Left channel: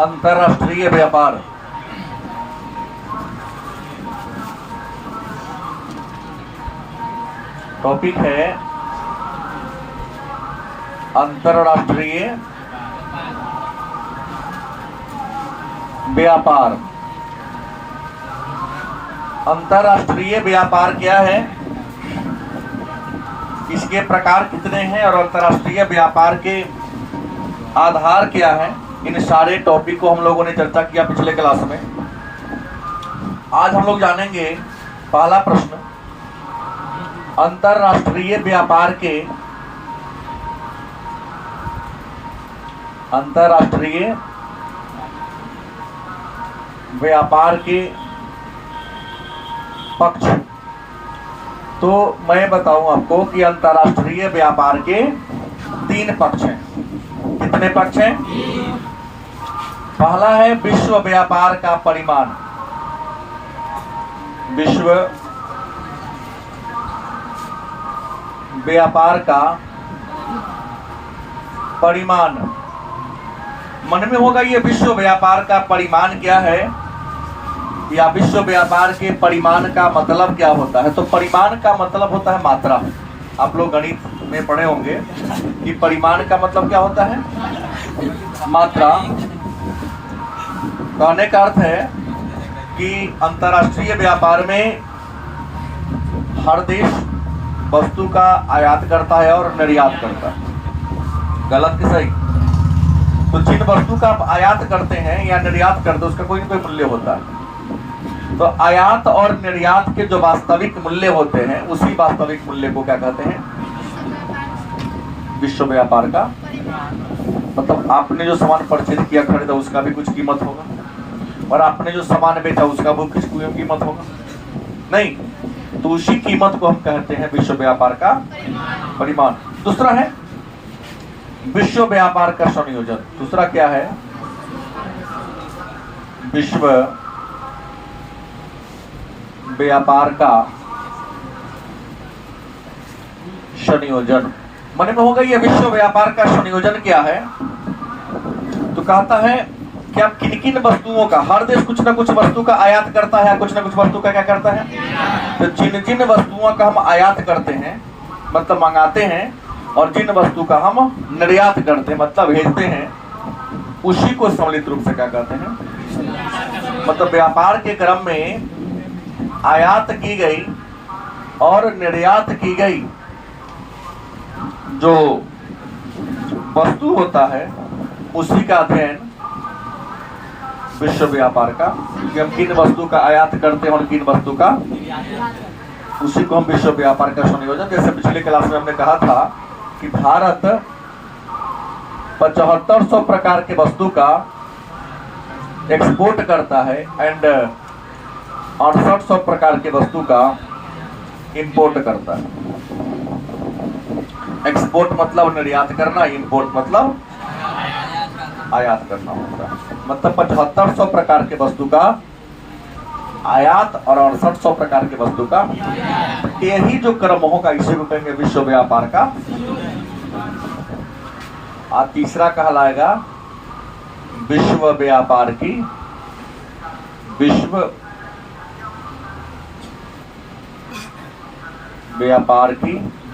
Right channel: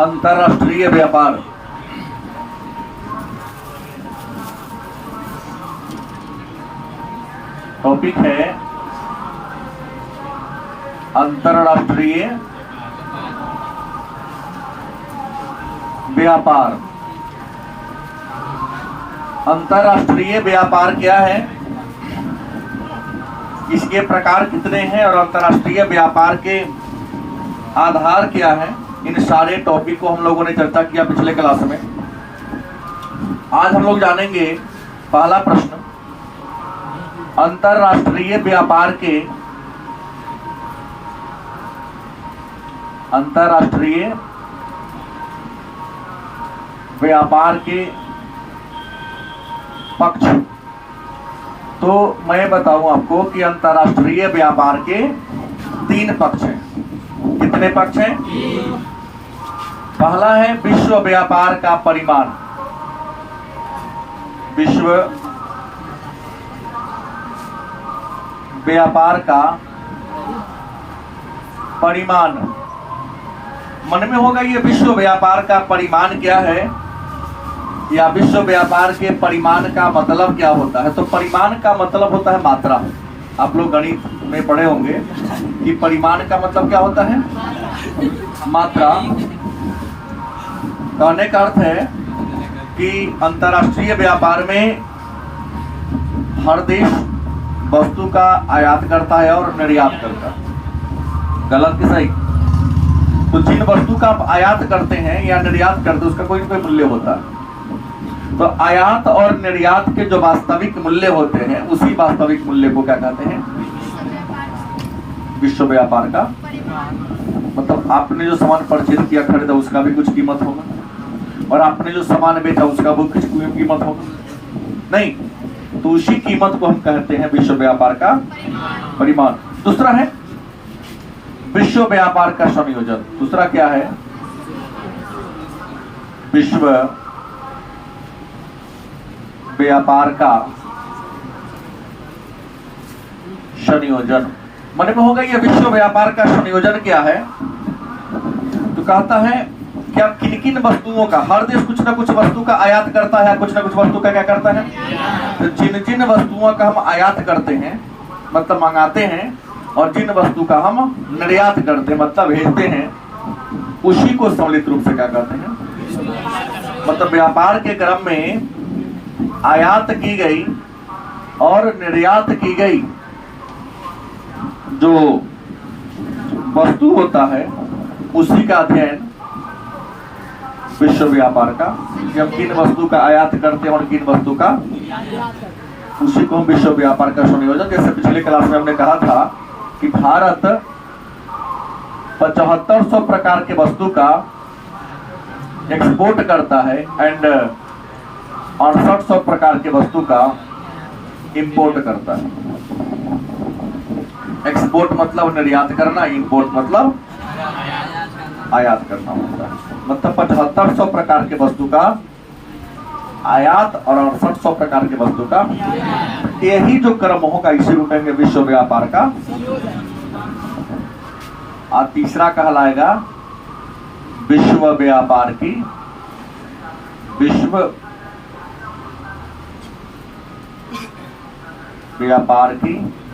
अंतरराष्ट्रीय व्यापार। टॉपिक है अंतरराष्ट्रीय व्यापार। अंतरराष्ट्रीय व्यापार क्या है, इसके प्रकार कितने हैं और अंतरराष्ट्रीय व्यापार के आधार क्या है, इन सारे टॉपिक को हम लोगों ने चर्चा किया पिछले क्लास में। आज हम लोग जानेंगे पहला प्रश्न, अंतरराष्ट्रीय व्यापार के पक्ष। तो मैं बताऊं आपको कि अंतरराष्ट्रीय व्यापार के 3 पक्ष हैं। कितने पक्ष हैं? पहला है विश्व व्यापार का परिमाण। विश्व व्यापार का परिमाण। मन में होगा ये विश्व व्यापार का परिमाण क्या है, या विश्व व्यापार के परिमाण का मतलब क्या होता है। तो परिमाण का मतलब होता है मात्रा। आप लोग गणित में पढ़े होंगे कि परिमाण का मतलब क्या होता है, मात्रा। कहने का अर्थ है कि अंतरराष्ट्रीय व्यापार में हर देश वस्तु का आयात करता है और निर्यात करता है। गलत कि सही? तो जिन वस्तु का आप आयात करते हैं या निर्यात करते हैं उसका कोई ना कोई मूल्य होता है। तो आयात और निर्यात के जो वास्तविक मूल्य होते हैं उसी वास्तविक मूल्य को क्या कहते हैं, विश्व व्यापार का। मतलब आपने जो सामान परचेज किया, खरीदा, उसका भी कुछ कीमत होगा, और आपने जो सामान बेचा उसका भी कुछ कीमत होगा। नहीं, तो उसी कीमत को हम कहते हैं विश्व व्यापार का परिमाण। दूसरा है विश्व व्यापार का संयोजन। दूसरा क्या है? विश्व व्यापार का संयोजन। मन में होगा ये विश्व व्यापार का संयोजन क्या है। तो कहता है कि आप किन किन वस्तुओं का, हर देश कुछ ना कुछ वस्तु का आयात करता है, कुछ ना कुछ वस्तु का क्या करता है। तो जिन जिन वस्तुओं का हम आयात करते हैं मतलब मंगाते हैं, और जिन वस्तु का हम निर्यात करते हैं मतलब भेजते हैं, उसी को सम्मिलित रूप से क्या कहते हैं। मतलब व्यापार के क्रम में आयात की गई और निर्यात की गई जो वस्तु होता है उसी का अध्ययन विश्व व्यापार का, कि हम किन वस्तु का आयात करते हैं और किन वस्तु का, उसी को हम विश्व व्यापार का संयोजन। जैसे पिछले क्लास में हमने कहा था कि भारत 7500 प्रकार के वस्तु का एक्सपोर्ट करता है एंड 6800 प्रकार के वस्तु का इंपोर्ट करता है। एक्सपोर्ट मतलब निर्यात करना, इंपोर्ट मतलब आयात करना होता है। मतलब 7500 प्रकार के वस्तु का आयात और 6800 प्रकार के वस्तु का, यही जो क्रम होगा इसी को कहेंगे विश्व व्यापार का। और तीसरा कहलाएगा विश्व व्यापार की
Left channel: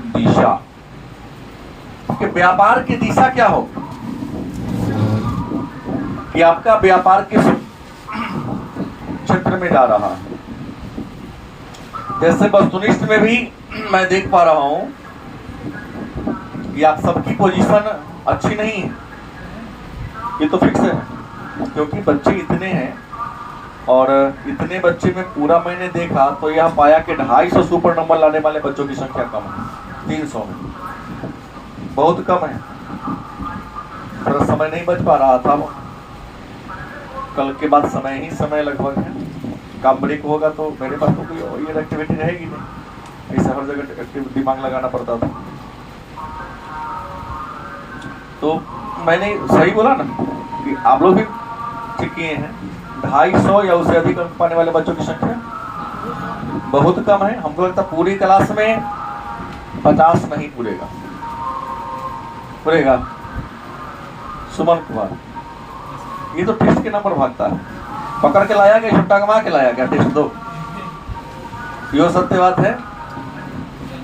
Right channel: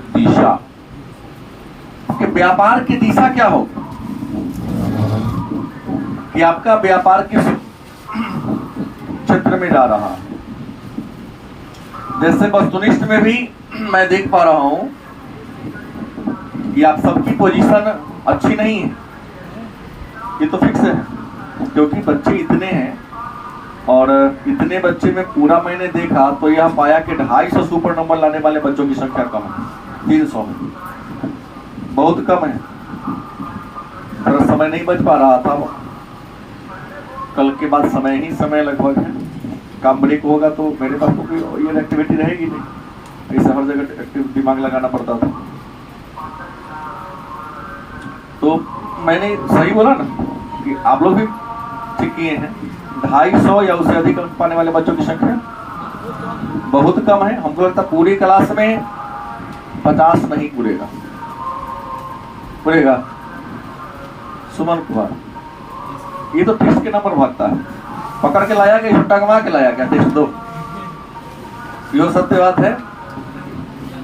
दिशा। कि व्यापार की दिशा क्या होगी, कि आपका व्यापार किस क्षेत्र में जा रहा है। जैसे वस्तुनिष्ठ में भी मैं देख पा रहा हूं कि आप सबकी पोजीशन अच्छी नहीं है, ये तो फिक्स है, क्योंकि बच्चे इतने हैं और इतने बच्चे में पूरा मैंने देखा तो यह पाया कि 250 सुपर नंबर लाने वाले बच्चों की संख्या कम है। 300 में बहुत कम है। पर समय नहीं बच पा रहा था। कल के बाद समय ही समय लगभग है। काम ब्रेक होगा तो मेरे पास तो कोई ये एक्टिविटी रहेगी नहीं, ऐसे हर जगह दिमाग लगाना पड़ता था। तो मैंने सही बोला ना कि आप लोग भी ठीक किए हैं। 250 या उससे अधिक अंक पाने वाले बच्चों की संख्या बहुत कम है। हमको लगता है पूरी क्लास में 50 नहीं पूरेगा। सुमन कुमार ये तो टेस्ट के नाम पर भागता है। पकड़ के लाया क्या, छुट्टा कमा के लाया क्या, टेस्ट दो। यो सत्य बात है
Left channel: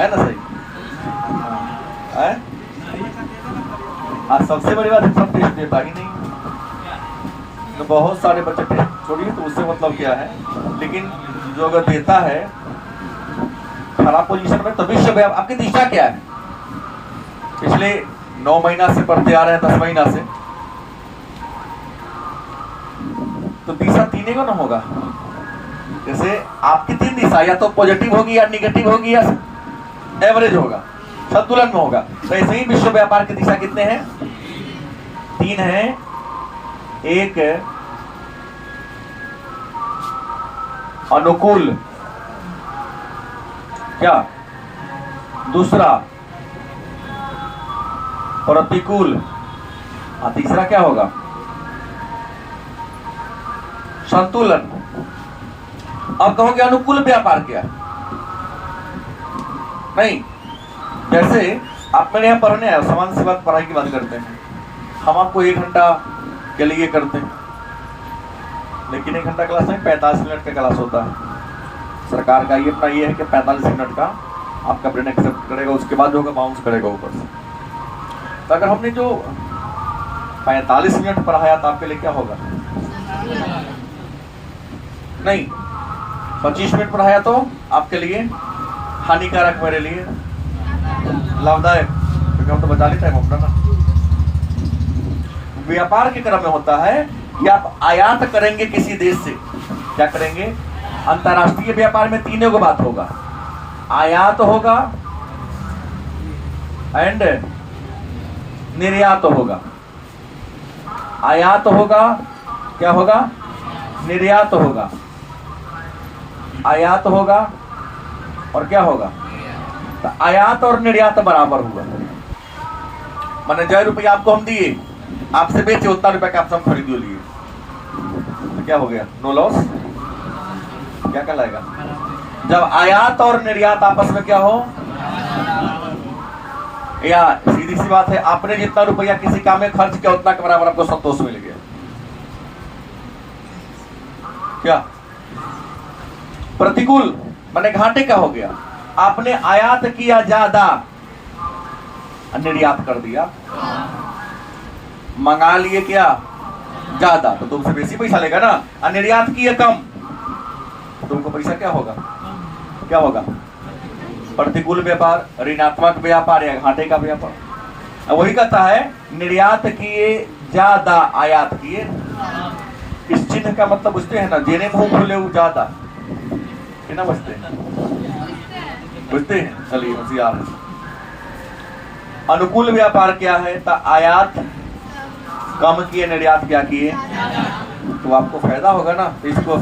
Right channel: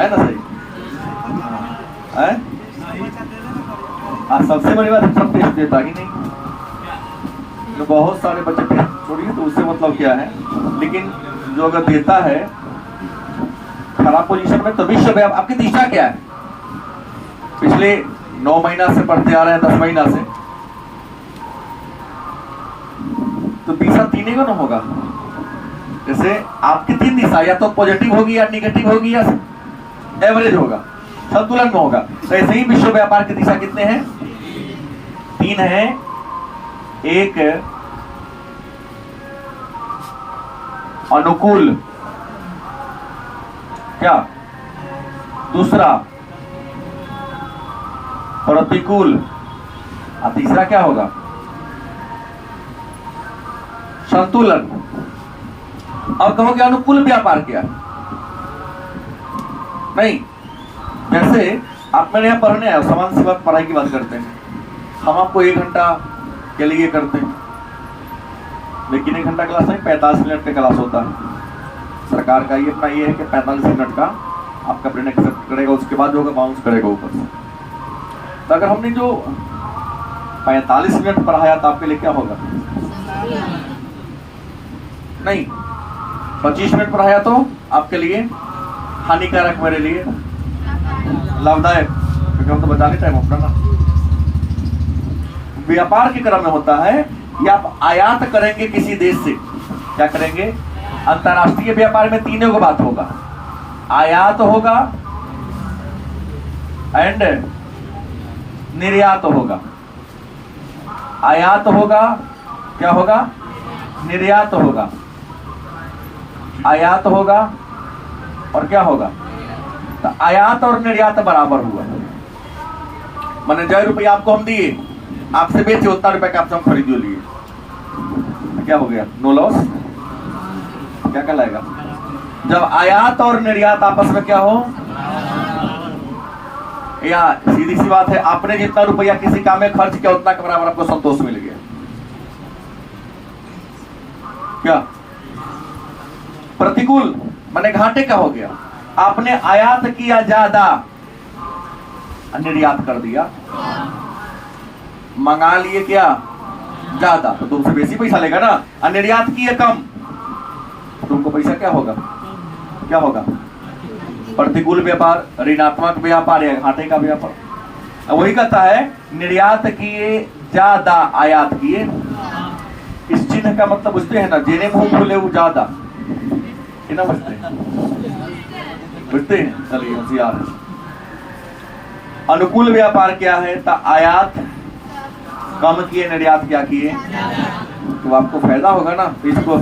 ना? सही है। सबसे बड़ी बात है सब टेस्ट देता ही नहीं। तो बहुत सारे बच्चे टेस्ट छोड़िए तो उससे मतलब क्या है, लेकिन जो अगर देता है खराब पोजीशन में, तो विश्व आपकी दिशा क्या है? पिछले 9 महीना से पढ़ते आ रहे हैं, 10 महीना से, तो दिशा तीन को ना होगा। जैसे आपकी 3 दिशा, या तो पॉजिटिव होगी या निगेटिव होगी या एवरेज होगा, संतुलन में होगा। तो ऐसे ही विश्व व्यापार की दिशा कितने हैं? 3 हैं। एक अनुकूल, क्या? दूसरा प्रतिकूल, और तीसरा क्या होगा? संतुलन। अब कहोगे अनुकूल व्यापार क्या? नहीं, जैसे आप मेरे यहाँ पढ़ने आए, समान सी बात, पढ़ाई की बात करते हैं, हम आपको 1 घंटा के लिए करते हैं, लेकिन 1 घंटा क्लास नहीं, 45 मिनट का क्लास होता है। सरकार का ये अपना ये है कि 45 मिनट का आपका ब्रेन एक्सेप्ट करेगा, उसके बाद होगा बाउंस करेगा ऊपर से। तो अगर हमने जो 45 मिनट पढ़ाया तो आपके लिए क्या होगा? नहीं, 25 मिनट पढ़ाया तो आपके लिए हानिकारक, मेरे लिए लाभदायक, क्योंकि हम तो बचा लेते हैं अपना ना। व्यापार के क्रम में होता है कि आप आयात करेंगे किसी देश से, क्या करेंगे? अंतरराष्ट्रीय व्यापार में 3 बात होगा, आयात होगा एंड निर्यात होगा। आयात होगा, क्या होगा? निर्यात होगा। आयात होगा और क्या होगा? तो आयात और निर्यात बराबर हुआ। मैंने 1,000 रुपया आपको हम दिए, आपसे बेचे उतना रुपया का आपसे हम खरीद लिए, तो क्या हो गया? No loss. क्या कहलाएगा? जब आयात और निर्यात आपस में क्या हो, या सीधी सी बात है, आपने जितना रुपया किसी काम में खर्च किया उतना के बराबर आपको संतोष मिल गया। क्या? प्रतिकूल माने घाटे का हो गया, आपने आयात किया ज्यादा, निर्यात कर दिया, मंगा लिए क्या? ज्यादा, तो तुमसे बेसी पैसा लेगा ना। और निर्यात किए कम, तुमको पैसा क्या होगा? क्या होगा? प्रतिकूल व्यापार, ऋणात्मक व्यापार या घाटे का व्यापार। वही कहता है निर्यात किए ज्यादा, आयात किए। इस चिन्ह का मतलब बुझते हैं ना, जेने मुंह खोले वो ज्यादा, ना बुझते हैं? बुझते हैं? चलिए होशियार है। अनुकूल व्यापार क्या है? तो आयात कम किए, निर्यात क्या किए, तो आपको फायदा होगा ना। इसको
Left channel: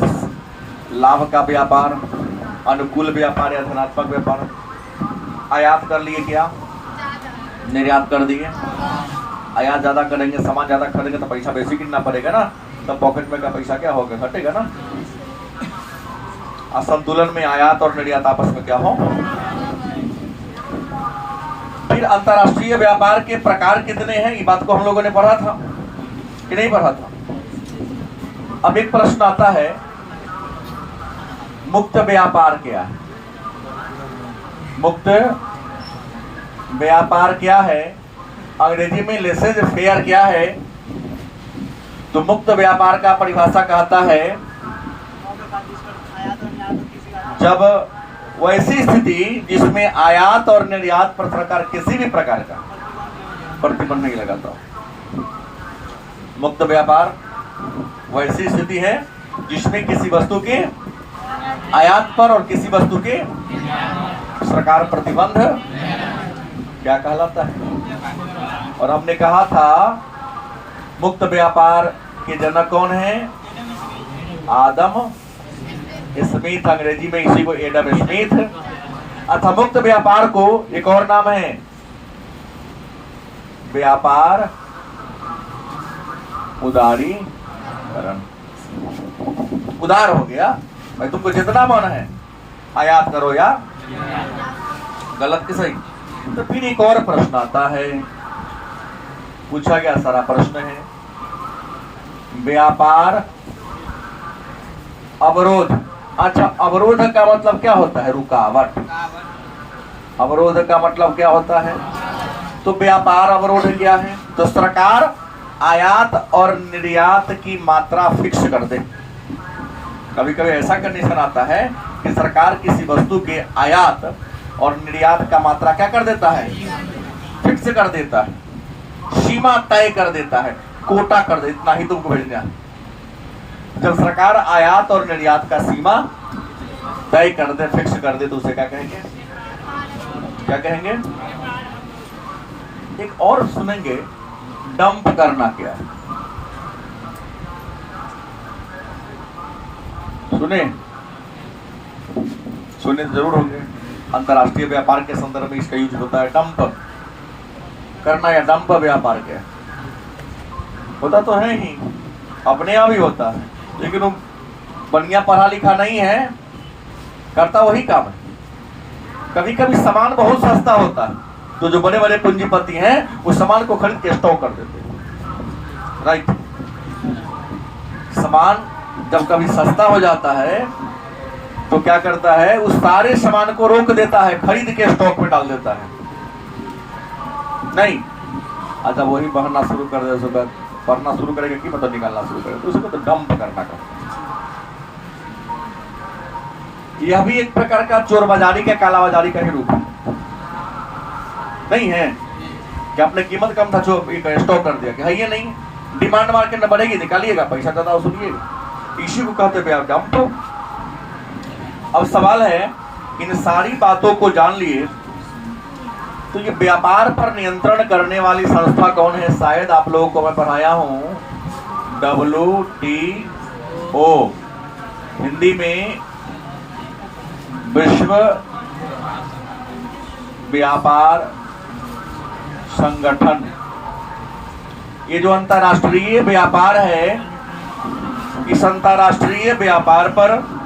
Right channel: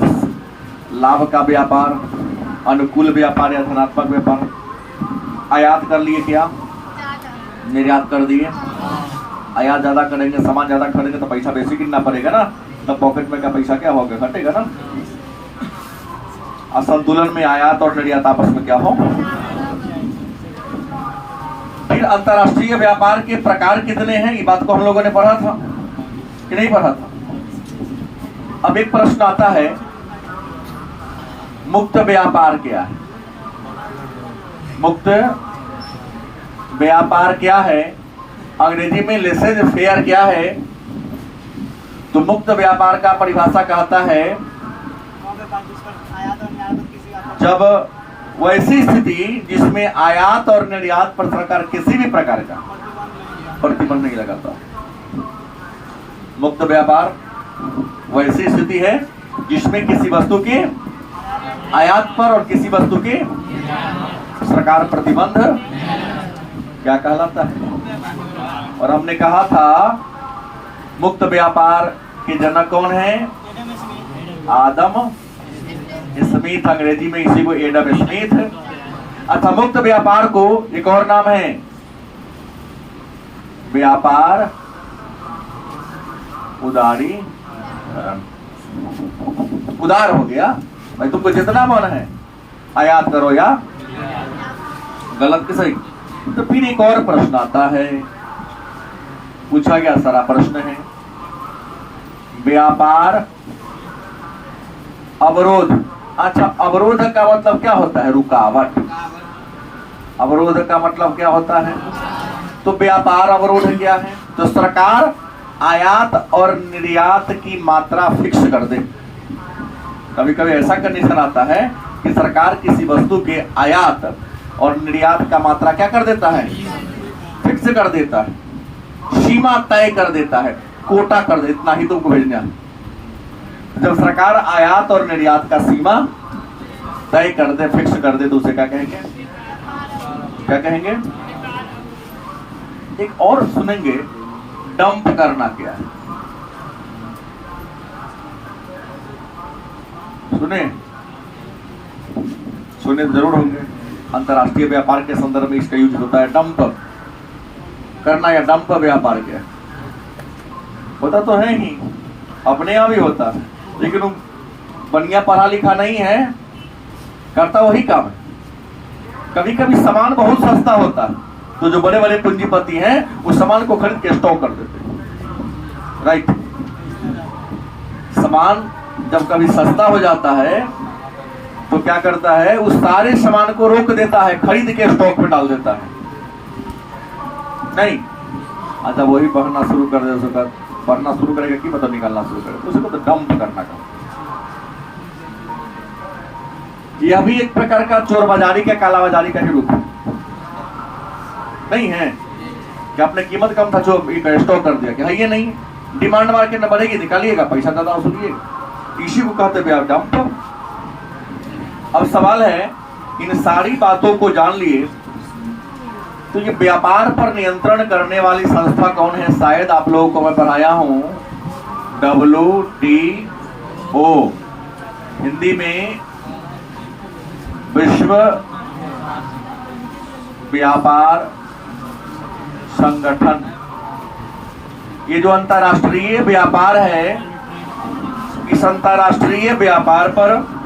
लाभ का व्यापार, अनुकूल व्यापार या धनात्मक व्यापार। आयात कर लिए क्या? निर्यात कर दिए। आयात ज्यादा करेंगे, सामान ज्यादा खरीदेंगे तो पैसा बेसी कितना पड़ेगा ना, तो पॉकेट में का पैसा क्या होगा? घटेगा ना। असंतुलन में आयात और निर्यात आपस में क्या हो। फिर अंतरराष्ट्रीय व्यापार के प्रकार कितने हैं, ये बात को हम लोगों ने पढ़ा था कि नहीं पढ़ा था? अब एक प्रश्न आता है, मुक्त व्यापार क्या है? मुक्त व्यापार क्या है? अंग्रेजी में लेसेज फेयर क्या है? तो मुक्त व्यापार का परिभाषा कहता है जब वैसी स्थिति जिसमें आयात और निर्यात पर सरकार किसी भी प्रकार का प्रतिबंध नहीं लगाता। मुक्त व्यापार वैसी स्थिति है जिसमें किसी वस्तु के आयात पर और किसी वस्तु के सरकार प्रतिबंध क्या कहलाता है। और हमने कहा था मुक्त व्यापार के जनक कौन है? आदम स्मिथ, अंग्रेजी में इसी को एडम स्मिथ। अतः मुक्त व्यापार को एक और नाम है व्यापार उदारी। उदार हो गया भाई, तुमको जितना मन है आयात करो या गलत कि सही। तो फिर एक और प्रश्न आता है, पूछा गया सारा प्रश्न है, व्यापार अवरोध। अच्छा, अवरोध का मतलब क्या होता है? रुकावट। अवरोध का मतलब क्या होता है? तो व्यापार अवरोध क्या है? तो सरकार आयात और निर्यात की मात्रा फिक्स कर दे। कभी कभी ऐसा कंडीशन आता है कि सरकार किसी वस्तु के आयात और निर्यात का मात्रा क्या कर देता है? फिक्स कर देता है, सीमा तय कर देता है, कोटा कर दे, इतना ही तुमको भेजना है। जब सरकार आयात और निर्यात का सीमा तय कर दे, फिक्स कर दे, तो उसे क्या कहेंगे? क्या कहेंगे? एक और सुनेंगे, डंप करना क्या है? सुने जरूर होंगे। अंतरराष्ट्रीय व्यापार के संदर्भ में इसका यूज होता है, डंप करना या डंप व्यापार क्या होता तो है ही, अपने यहाँ भी होता है, लेकिन वो बढ़िया पढ़ा लिखा नहीं है, करता वही काम है। कभी कभी सामान बहुत सस्ता होता है, तो जो बड़े बड़े पूंजीपति हैं उस सामान को खरीद के स्टॉक कर देते हैं। राइट। सामान जब कभी सस्ता हो जाता है तो क्या करता है? उस सारे सामान को रोक देता है, खरीद के स्टॉक में डाल देता है। नहीं, अच्छा वही पढ़ना शुरू कर दे, उसके बाद पढ़ना शुरू करेगा कि मतलब निकालना शुरू करेगा, तो उसको तो डंप करना कहते हैं। यह भी एक प्रकार का चोर बाजारी का, काला बाजारी का ही रूप है, नहीं है? कि आपने कीमत कम था, स्टॉक कर दिया कि है ये नहीं, डिमांड मार्केट न बढ़ेगी, निकालिएगा, पैसा ज्यादा वसूलिएगा, इसी को कहते हैं डंप। अब सवाल है, इन सारी बातों को जान लिए तो ये व्यापार पर नियंत्रण करने वाली संस्था कौन है? शायद आप लोगों को मैं पढ़ाया हूं, WTO, हिंदी में विश्व व्यापार संगठन। ये जो अंतरराष्ट्रीय व्यापार है, इस अंतरराष्ट्रीय व्यापार पर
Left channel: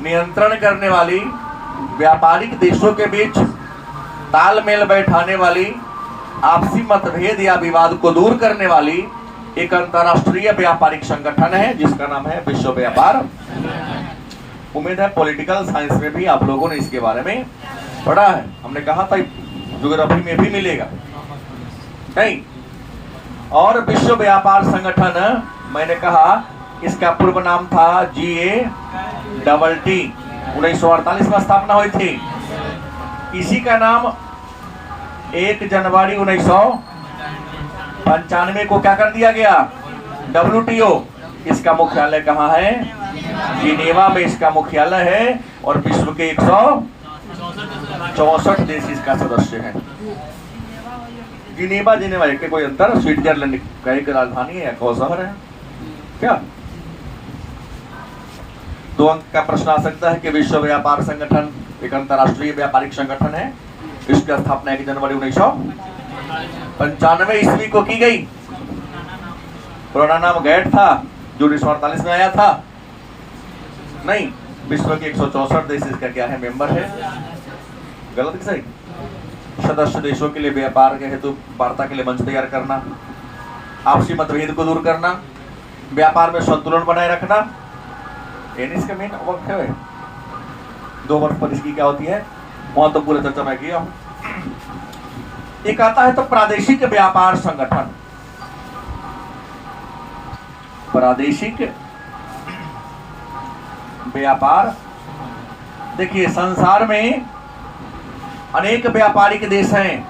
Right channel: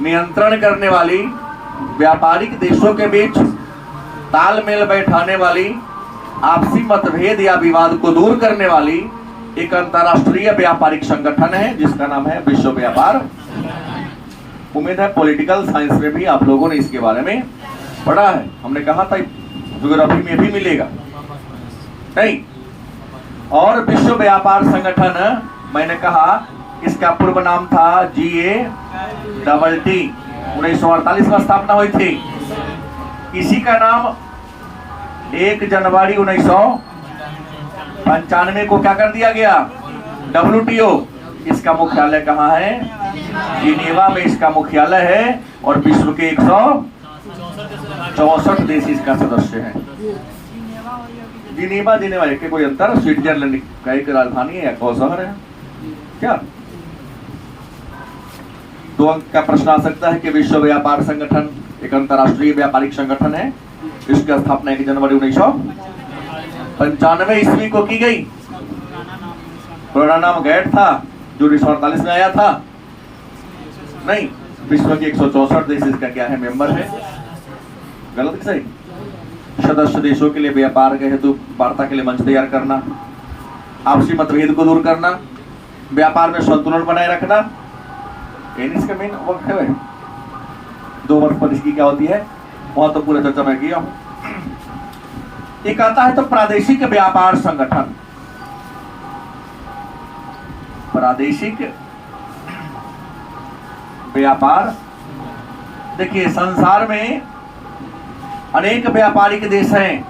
नियंत्रण करने वाली, व्यापारिक देशों के बीच तालमेल बैठाने वाली, आपसी मतभेद या विवाद को दूर करने वाली एक अंतरराष्ट्रीय व्यापारिक संगठन है जिसका नाम है विश्व व्यापार। उम्मीद है पॉलिटिकल साइंस में भी आप लोगों ने इसके बारे में पढ़ा है। हमने कहा था ज्योग्राफी में भी मिलेगा, नहीं? और विश्व व्यापार संगठन, मैंने कहा इसका पूर्व नाम था GATT, 1948 में स्थापना हुई थी। इसी का नाम 1 जनवरी 1995 को क्या कर दिया गया? WTO। इसका मुख्यालय कहाँ है? जिनेवा में इसका मुख्यालय है, और विश्व के 164 देश इसका सदस्य है। जिनेवा के कोई अंतर? स्विट्जरलैंड का एक राजधानी है या कौन शहर है क्या? 2 अंक का प्रश्न आ सकता है कि विश्व व्यापार संगठन एक अंतरराष्ट्रीय व्यापारिक संगठन है। इसकी स्थापना 1 जनवरी 1995 ईस्वी को की गई। पुराना नाम गैट था, जो 1948 में आया था। नहीं, विश्व के 164 देश इसका क्या है? मेंबर है। गलत कि सही? सदस्य देशों के लिए व्यापार के हेतु वार्ता के लिए मंच तैयार करना, आपसी मतभेद को दूर करना, व्यापार में संतुलन बनाए रखना, इसका मेन वर्क है। 2 वर्ष पर इसकी क्या होती है? वहां तो पूरा चर्चा मैं किया हूं। एक आता है तो प्रादेशिक व्यापार संगठन। प्रादेशिक व्यापार, देखिए संसार में अनेक व्यापारिक देश हैं,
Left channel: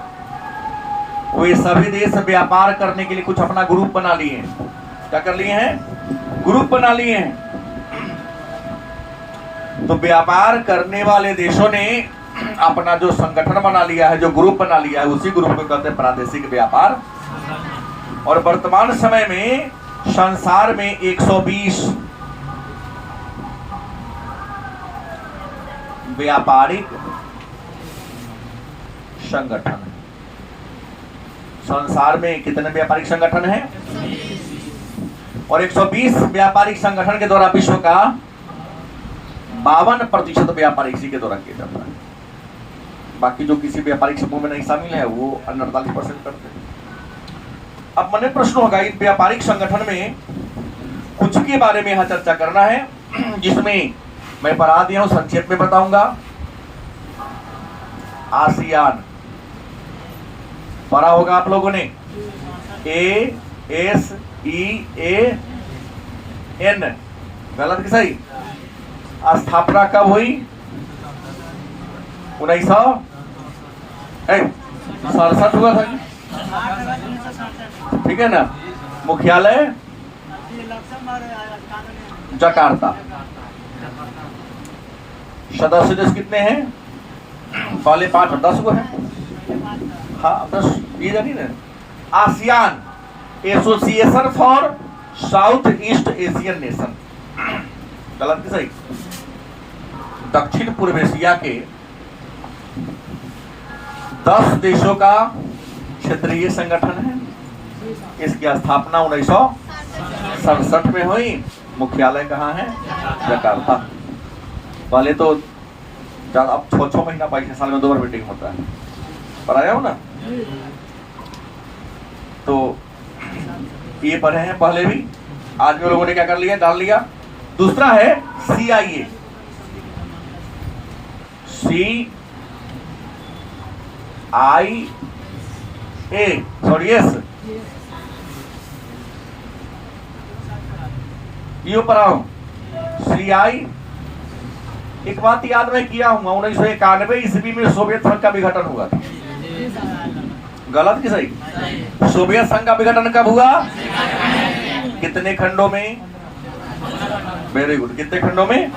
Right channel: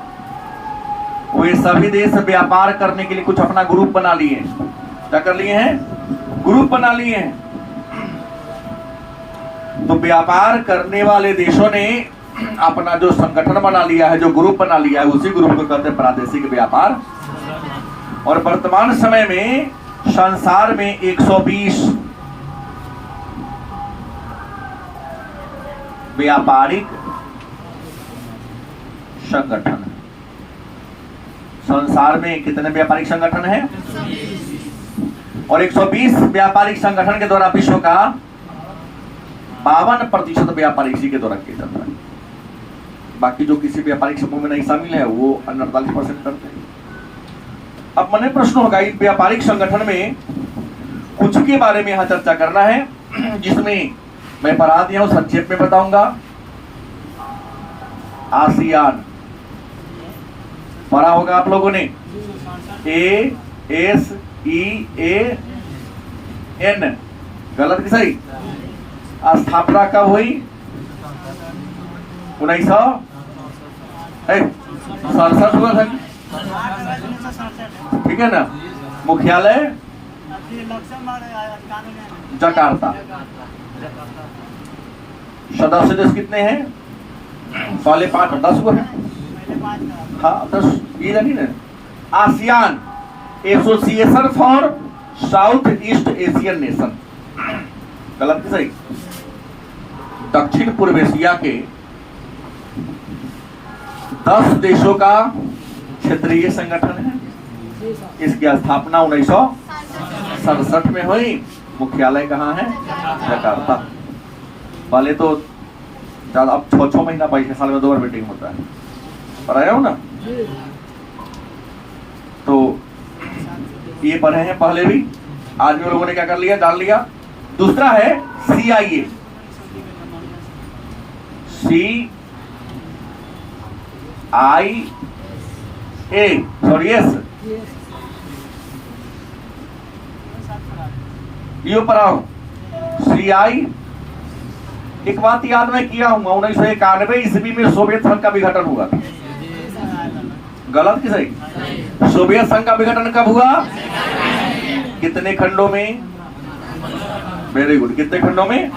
वे सभी देश व्यापार करने के लिए कुछ अपना ग्रुप बना लिए हैं। क्या कर लिए हैं? ग्रुप बना लिए हैं। तो व्यापार करने वाले देशों ने अपना जो संगठन बना लिया है, जो ग्रुप बना लिया है, उसी ग्रुप को कहते हैं प्रादेशिक व्यापार। और वर्तमान समय में संसार में 120 व्यापारिक संगठन। संसार में कितने व्यापारिक संगठन हैं? और 120 व्यापारिक संगठन के द्वारा विश्व का 52% व्यापार इसी के द्वारा किया जाता है। बाकी जो किसी व्यापारिक समूह में नहीं शामिल है वो 48% करते हैं। अब मन में प्रश्न होगा, इस व्यापारिक संगठन में कुछ के बारे में यहाँ चर्चा करना है, जिसमें मैं पढ़ा दिया हूं, संक्षेप में बताऊंगा। आसियान पढ़ा होगा आप लोगों ने, ASEAN, गलत कि सही? स्थापना कब हुई? 1967 होगा था, ठीक है ना। मुख्यालय जकार्ता। सदस्य देश कितने हैं? पहले 5 और 10 को है। हाँ 10 ये नहीं ना। ASEAN, association for south east Asian nation, गलत कि सही? दक्षिण पूर्व एशिया के 10 देशों का क्षेत्रीय संगठन है। इसकी स्थापना 1967 में हुई। मुख्यालय कहाँ है? जकार्ता। पहले तो अब 6 महीना 22 साल में 2 बार मीटिंग होता है, पर आया हो ना। तो ये पढ़े हैं पहले भी, आज भी लोगों ने क्या कर लिया, जान लिया। दूसरा है CIA, सॉरी यस, ये पढ़ा हूं। CI, एक बात याद मैं किया हूँ, 1991 ईस्वी में सोवियत संघ का विघटन हुआ था, गलत कि सही? सोवियत संघ का विघटन कब हुआ? कितने खंडों में? वेरी गुड, कितने खंडों में?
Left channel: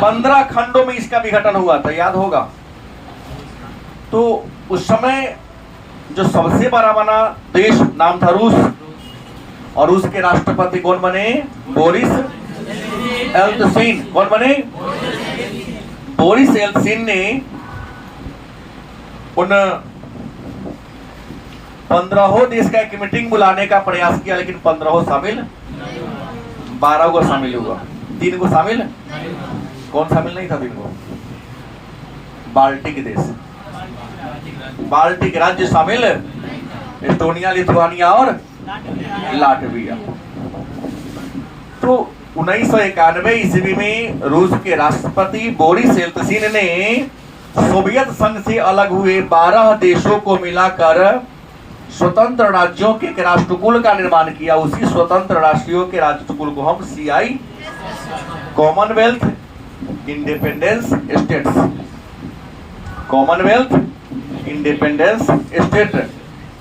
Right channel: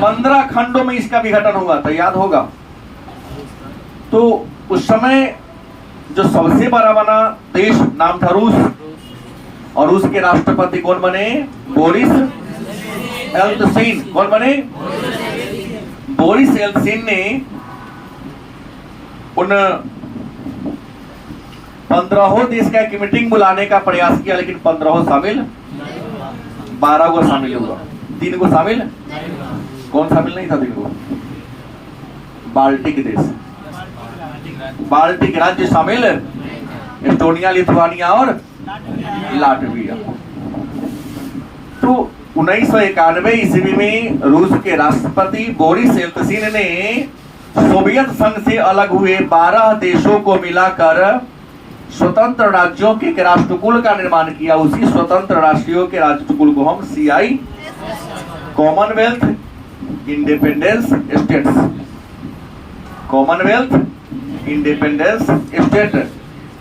15 खंडों में इसका विघटन हुआ था, याद होगा। तो उस समय जो सबसे बड़ा बना देश नाम था रूस, और रूस के राष्ट्रपति कौन बने? बोरिस एल्त्सिन। कौन बने? बोरिस एल्त्सिन ने उन 15 देश का एक मीटिंग बुलाने का प्रयास किया, लेकिन 15 शामिल, 12 को शामिल हुआ, 3 को शामिल, कौन शामिल नहीं था? 3 को बाल्टिक देश, बाल्टिक राज्य शामिल, एस्टोनिया, लिथुआनिया और लाटविया। तो 1991 ईस्वी में रूस के राष्ट्रपति बोरिस एल्त्सिन ने सोवियत संघ से अलग हुए 12 देशों को मिलाकर स्वतंत्र राज्यों के एक राष्ट्रकुल का निर्माण किया। उसी स्वतंत्र राष्ट्रों के राष्ट्रकुल को हम CI, Commonwealth independence states, Commonwealth independence state,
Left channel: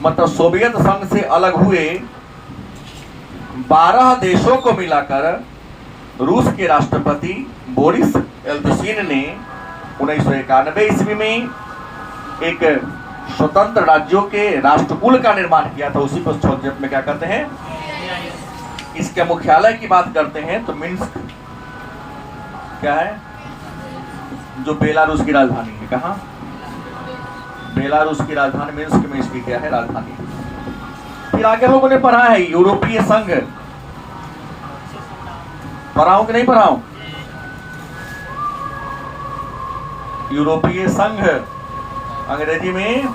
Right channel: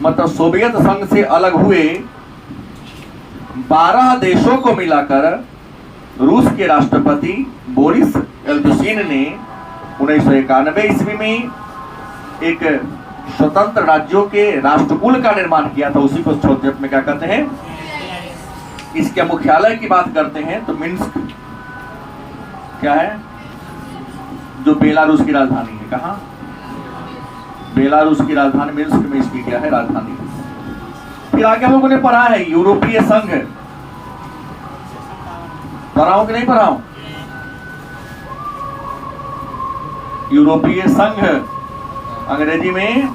मतलब सोवियत संघ से अलग हुए 12 देशों को मिलाकर रूस के राष्ट्रपति बोरिस एल्त्सिन ने 1991 ईस्वी में एक स्वतंत्र राज्यों के राष्ट्रकुल का निर्माण किया था। उसी को संक्षेप में क्या कहते हैं? इसके मुख्यालय की बात करते हैं तो मिन्स्क क्या है, जो बेलारूस की राजधानी है। कहाँ? बेलारूस की राजधानी मिन्स्क में इसकी क्या है? राजधानी। फिर आगे लोगों ने पढ़ा है यूरोपीय संघ, पढ़ाऊं कि नहीं पढ़ाऊं? यूरोपीय संघ, अंग्रेजी में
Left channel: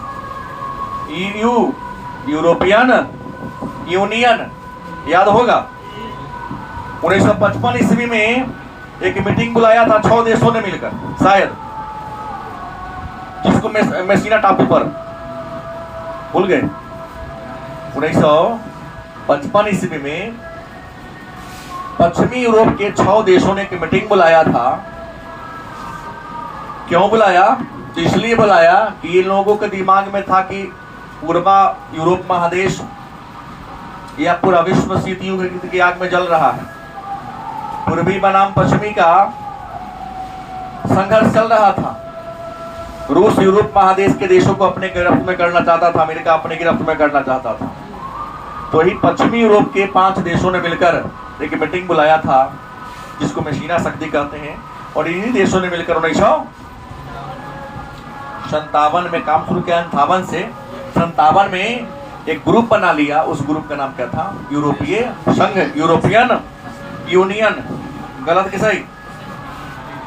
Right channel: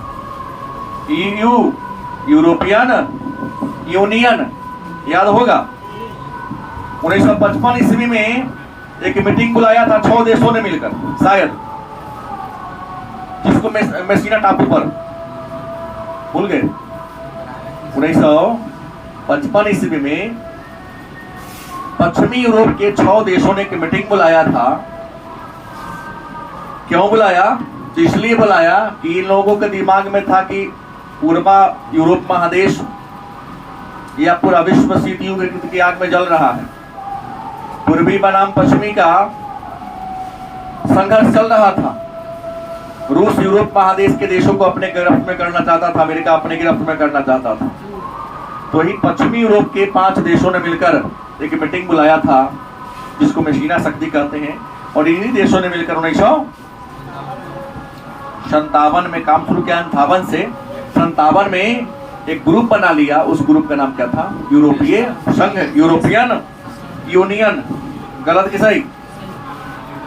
EU, यूरोपियन यूनियन, याद होगा। 1955 ईस्वी में एक मीटिंग बुलाया था 6 देशों ने मिलकर, शायद, जिसको मेसिना टापू पर, भूल गए? 1955 ईस्वी में पश्चिमी यूरोप के 6 देशों ने एक मीटिंग बुलाया था। क्यों बुलाया? तो इसलिए बुलाया कि इन लोगों के दिमाग में था कि पूर्वा यूरोप महादेश या पूरा विश्व शीत युद्ध की आग में जल रहा है। पूर्वी बनाम पश्चिमी का संघर्ष चल रहा था। रूस यूरोप महादेश के देशों को अपने गिरफ्त में करना चाहता था, अमेरिका अपने गिरफ्त में करना चाहता था। तो ही पश्चिमी यूरोप के 5 देशों ने मिलकर एक मीटिंग बुलाया था, जिसको मेसिना शक्ति कहते हैं। और इन्हीं देशों ने मिलकर 1957 में काम शुरू किया। 58 से 57 में एक ग्रुप बना लिया। उस ग्रुप का नाम क्या था? यूरोपीय संघ, यूरोपियन यूनियन। गलत कि सही?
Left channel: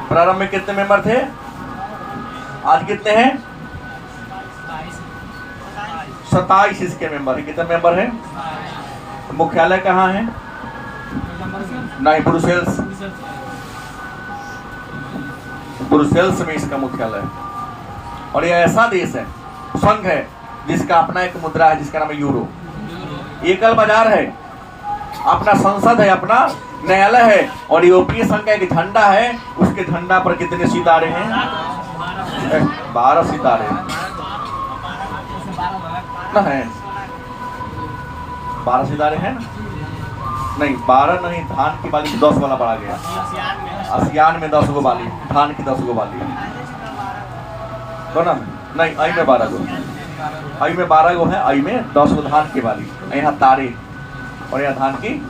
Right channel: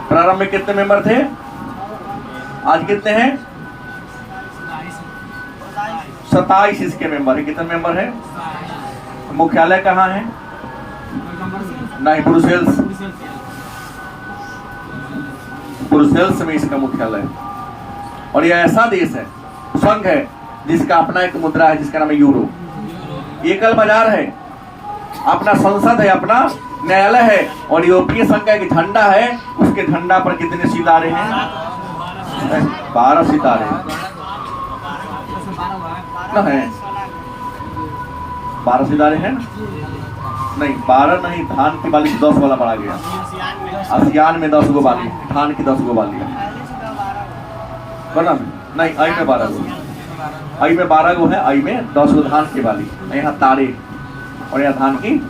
प्रारंभ में कितने मेंबर थे? आज कितने हैं? 27 इसके मेंबर है। कितने मेंबर है? मुख्यालय कहाँ है? नहीं, ब्रुसेल्स। ब्रुसेल्स में इसका मुख्यालय है। और ये ऐसा देश है, संघ है, जिसका अपना एक मुद्रा है जिसका नाम है यूरो। एकल बाजार है, अपना संसद है, अपना न्यायालय है, और यूरोपीय संघ का एक झंडा है। उसके झंडा पर कितने सितारे हैं? 12 सितारे हैं। 12 सितारे हैं? नहीं, 12 नहीं, धान की बाली 10 वाला बढ़ा गया। आसियान में 10 गो बाली, धान की 10 गो बाली बना नहीं। आई में 12 गो, आई में 12 गो है, आई में 10 गो धान की बाली। यहाँ तारे और यहाँ धान की,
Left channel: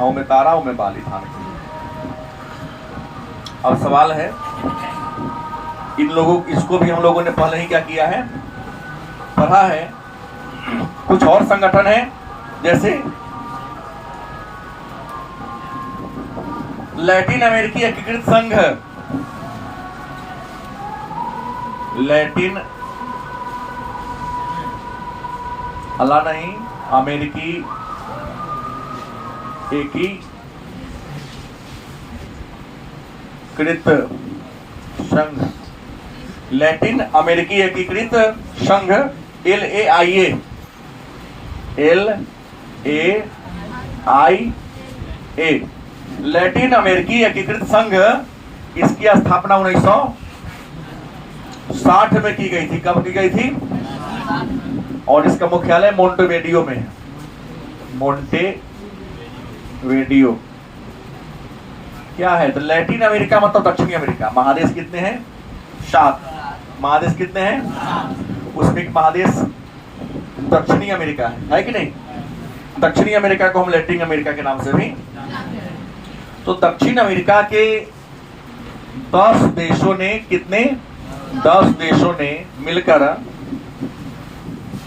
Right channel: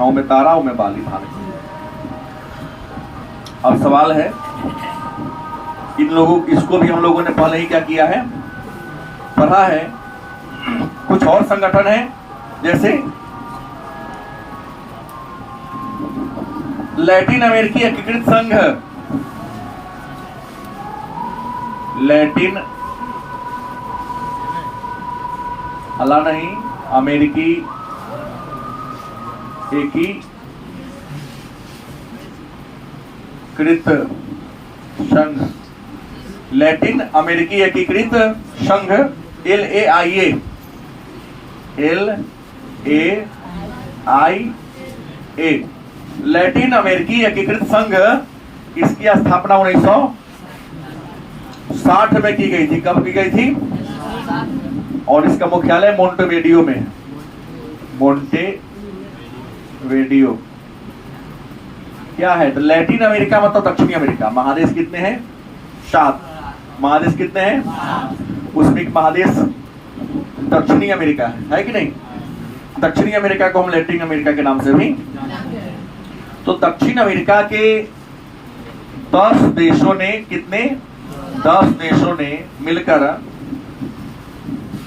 आओ में तारा, आओ में बाली धान की। अब सवाल है, इन लोगों, इसको भी हम लोगों ने पहले ही क्या किया है, पढ़ा है। कुछ और संगठन है, जैसे लैटिन अमेरिकी एकीकृत संघ, लैटिन अल्लाह नहीं, अमेरिकी एकीकृत संघ, लैटिन अमेरिकी एकीकृत संघ, LAIA, लैटिन अमेरिकी एकीकृत संघ। इसकी स्थापना 1960 में की गई थी। कब की गई थी? और इसका मुख्यालय मोंटेवेडियो में है। मोंटेवेडियो क्या है? तो लैटिन अमेरिका मतलब दक्षिणी अमेरिका। महादेश कितने हैं? 7। महादेश कितने हैं? उसमें एक महादेश दक्षिणी अमेरिका है कि नहीं? दक्षिणी अमेरिका को हम लैटिन अमेरिका के नाम से भी। तो दक्षिण अमेरिका के 10 देशों ने, कितने? 10 देशों ने मिलकर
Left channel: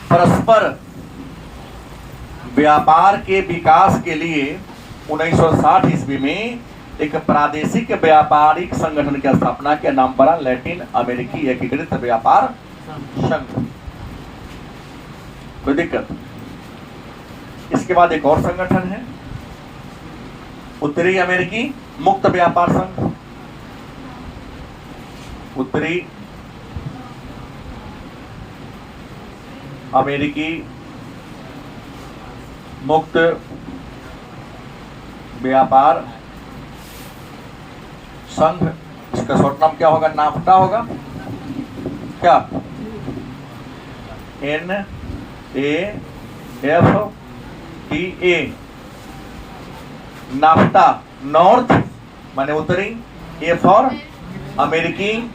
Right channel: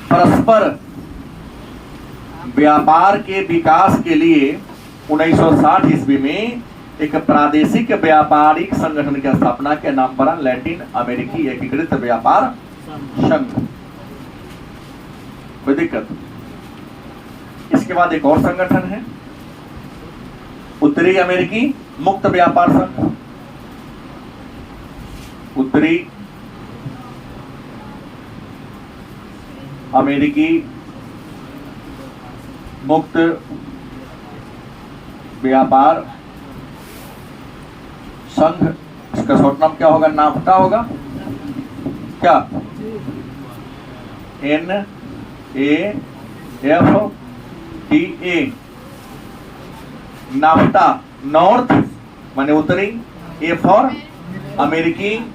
परस्पर व्यापार के विकास के लिए 1960 ईस्वी में एक प्रादेशिक व्यापारिक संगठन की स्थापना के नाम पर लैटिन अमेरिकी एकीकृत व्यापार संघ। कोई दिक्कत? इसके बाद एक और संगठन है, उत्तरी अमेरिकी मुक्त व्यापार संघ। उत्तरी अमेरिकी मुक्त व्यापार संघ। इसका शॉर्ट नाम क्या होगा? नाफ्टा होगा क्या? NAFTA। नाफ्टा, नॉर्थ माने उत्तरी, ए फॉर अमेरिकी,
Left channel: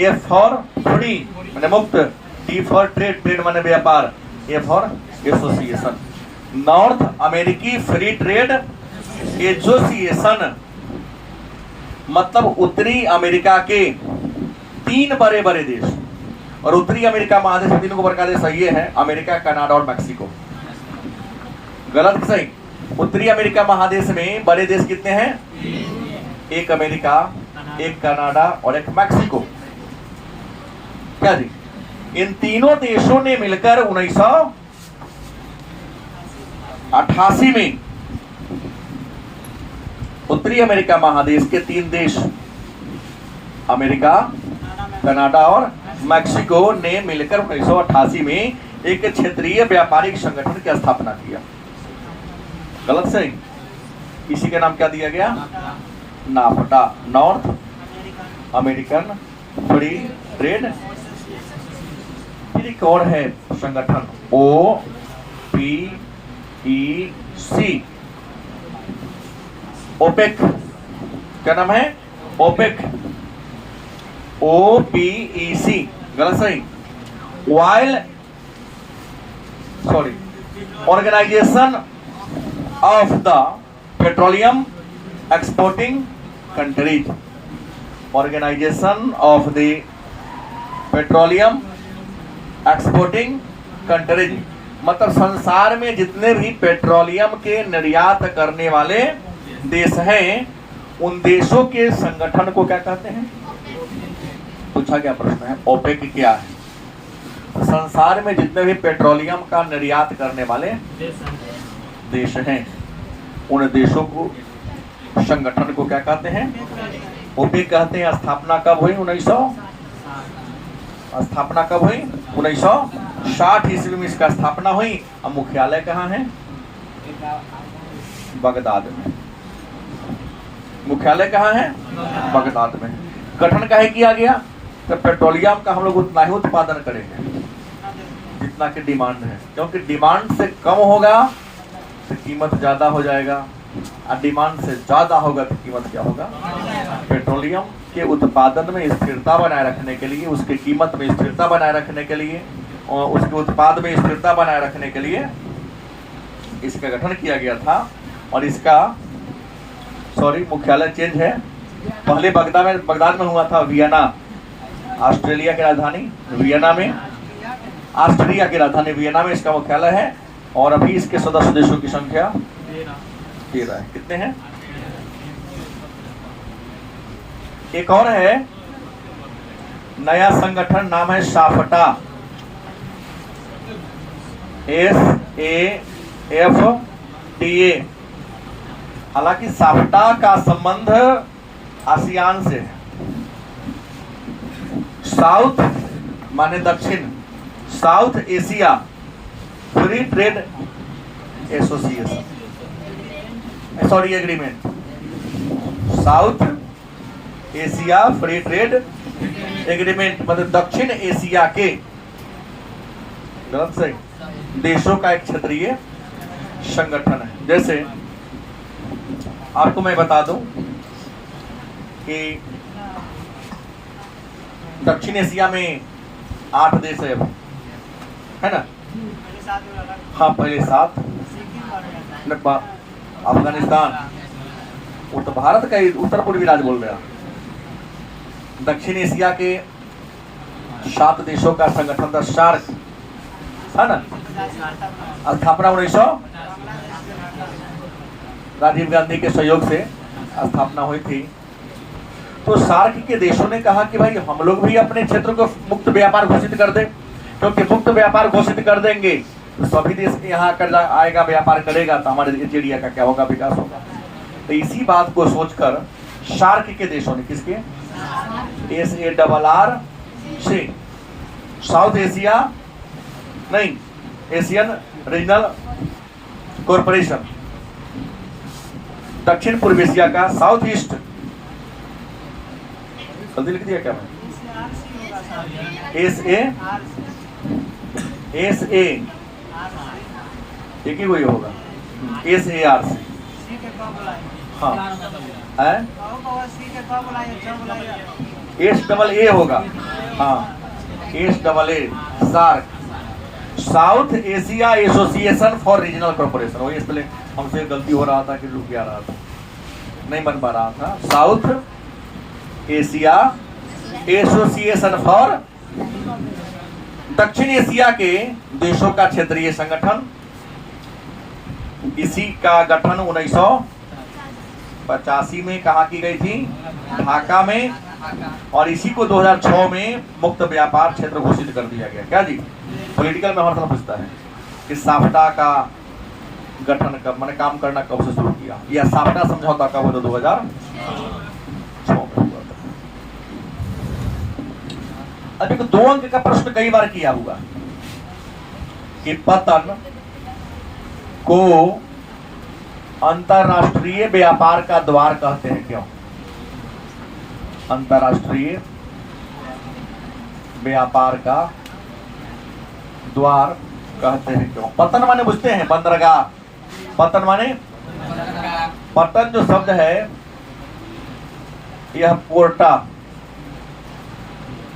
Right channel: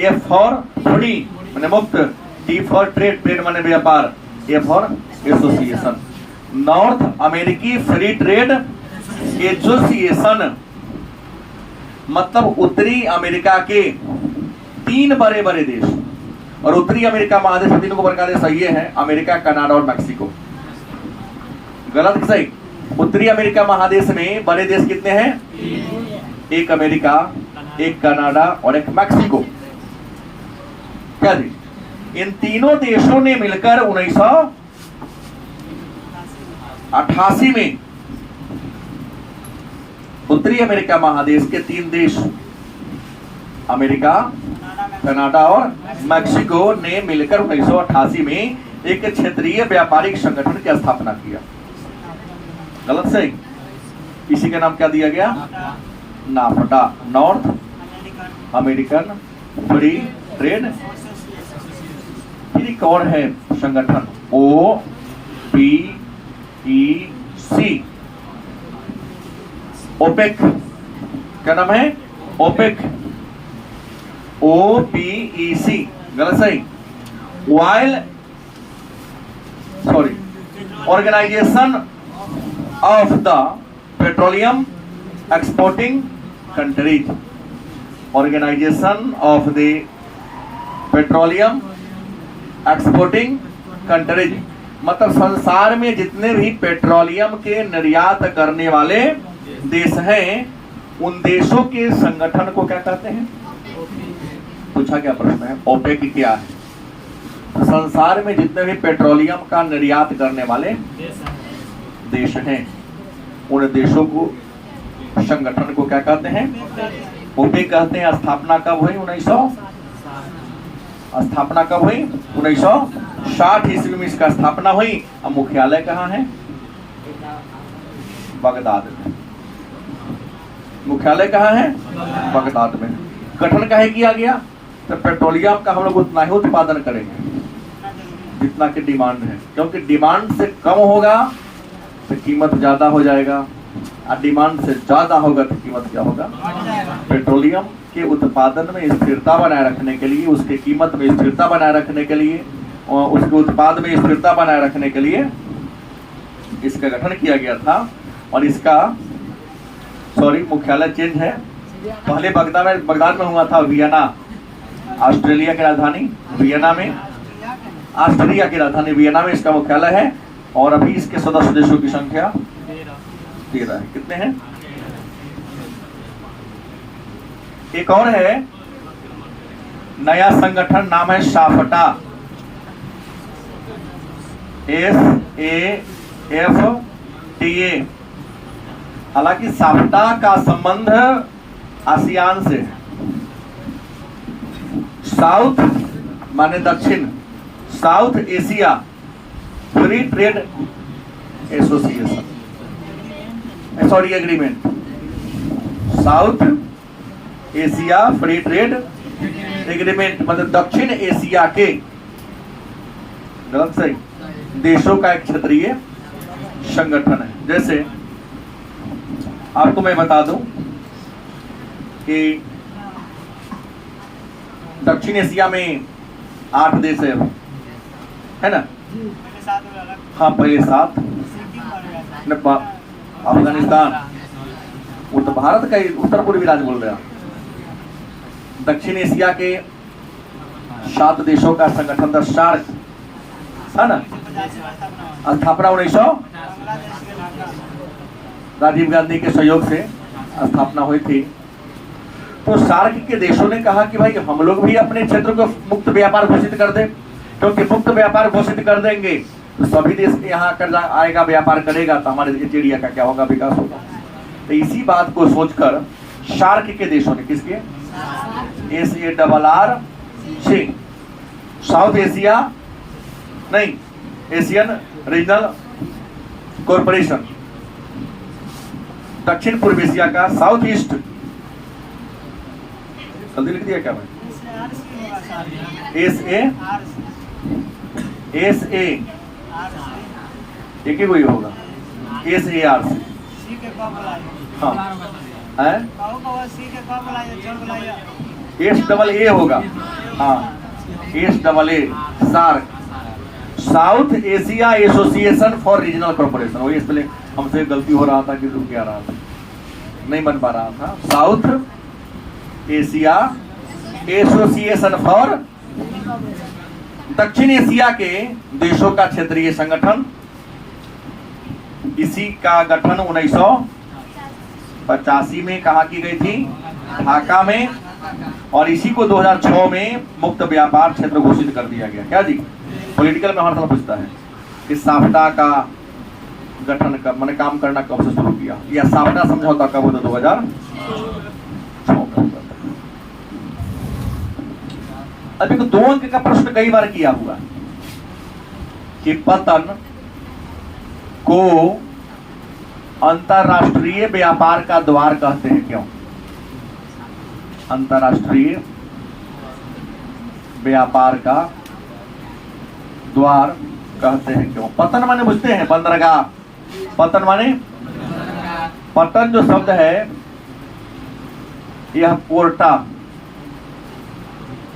एफ फॉर फ्री माने मुक्त, टी फॉर ट्रेड, ट्रेड माने व्यापार, ए फॉर एसोसिएशन। नॉर्थ अमेरिकी फ्री ट्रेड एसोसिएशन मतलब उत्तरी अमेरिका के 3 बड़े बड़े देश। और उत्तरी अमेरिका महादेश में 3 को बड़ा देश ये है, अमेरिका, कनाडा और मैक्सिको। गलत सही? उत्तरी अमेरिका महादेश में बड़े देश कितने हैं? 1 अमेरिका, 1 कनाडा और 1 मैक्सिको। क्या जी? इन तीनों देशों ने मिलकर 1988 में उत्तरी अमेरिका महादेश के 3 देश, अमेरिका, कनाडा और मैक्सिको ने मिलकर 1988 में एक क्षेत्रीय व्यापारिक संगठन की स्थापना किया। गलत सही? इसी का नाम क्या दिया गया? NAFTA, north American free trade. एक और है संगठन OPEC, ओपेक। क्या नाम है? OPEC, OPEC। गलत सही? Organisation of the petroleum exporting countries. Organisation of the petroleum exporting countries मतलब संसार में जितने भी पेट्रोलियम के निर्यात करने वाले देश हैं, उन देशों के संगठन को क्या कहते हैं? पूछा क्या प्रश्न है? ओपेक क्या है? संसार में जितने भी पेट्रोलियम का निर्यात करने वाले देश हैं, उन देशों को संगठन को क्या कहते हैं? ओपेक कहते हैं। स्थापना कब हुई? 1960 ईस्वी में इसका स्थापना हुई। अब मुख्यालय कहाँ है? बगदाद में। मुख्यालय कहाँ है? बगदाद में। गठन काहे किया गया? तो पेट्रोलियम का हम लोग उतना ही उत्पादन करेंगे जितना की डिमांड है, क्योंकि डिमांड से कम होगा तो कीमत ज्यादा हो जाएगा, और डिमांड से ज्यादा होगा तो कीमत क्या होगा? पेट्रोलियम के उत्पादन में स्थिरता बनाए रखने के लिए, उसके कीमत में स्थिरता बनाए रखने के लिए, और उसके उत्पाद में स्थिरता बनाए रखने के लिए इसका गठन किया गया था। और इसका मुख्यालय चेंज है। पहले बगदाद में हुआ था, वियना, ऑस्ट्रेलिया की राजधानी वियना में, ऑस्ट्रिया की राजधानी वियना में इसका मुख्यालय है। और अभी इसके सदस्य देशों की संख्या 13 है। कितने हैं? एक और है नया संगठन, नाम है साफ्टा, SAFTA। हालांकि साफ्टा का संबंध आसियान से, साउथ माने दक्षिण, south Asia free trade association, sorry agreement, south Asia free trade agreement मतलब दक्षिण एशिया के, गलत सही, देशों का एक क्षेत्रीय संगठन है। जैसे आपको मैं बता दूं कि दक्षिण एशिया में 8 देश है ना? हाँ, पहले 7, अफगानिस्तान, वो तो भारत का ही उत्तर पूर्वी राज्य बोल रहा। दक्षिण एशिया के 7 देशों का संगठन था, सार्क, है ना? स्थापना 1900 राजीव गांधी के सहयोग से स्थापना हुई थी। तो सार्क के देशों ने कहा कि भाई हम लोग भी अपने क्षेत्र को मुक्त व्यापार घोषित कर दे, क्योंकि मुक्त व्यापार घोषित कर देंगे तो सभी देश के यहाँ कर आएगा, व्यापार करेगा, तो हमारे इस एरिया का क्या होगा? विकास होगा। तो इसी बात को सोचकर सार्क के देशों ने, किसके? SARRC, साउथ एशिया नहीं, एशियन रीजनल कॉरपोरेशन, दक्षिण पूर्व एशिया का, साउथ ईस्ट, जल्दी लिख दिया क्या मैं? SA एक ही कोई होगा, SARC। हाँ, SAA होगा, हाँ, SAA, SAARC, South Asia Association for Regional Corporation. वही इसलिए हमसे गलती हो रहा था कि रुक क्या रहा था, नहीं बन पा रहा था। साउथ एशिया एसोसिएशन फॉर, दक्षिण एशिया के देशों का क्षेत्रीय संगठन। इसी का गठन 1985 में कहा की गई थी? ढाका में। और इसी को 2006 में मुक्त व्यापार क्षेत्र घोषित कर दिया गया। क्या जी? पॉलिटिकल में हर समय पूछता है कि साफ्टा का गठन कब, मैंने काम करना कब से शुरू किया, या साफ्टा समझौता कब हुआ? 2006 में हुआ। अभी तो 2 अंक का प्रश्न कई बार किया हुआ कि पतन को अंतरराष्ट्रीय व्यापार का द्वार कहते हैं क्यों? अंतरराष्ट्रीय व्यापार का द्वार कहते हैं क्यों? पतन माने बुझते हैं, बंदरगाह। पतन माने, पतन जो शब्द है यह पोर्टा,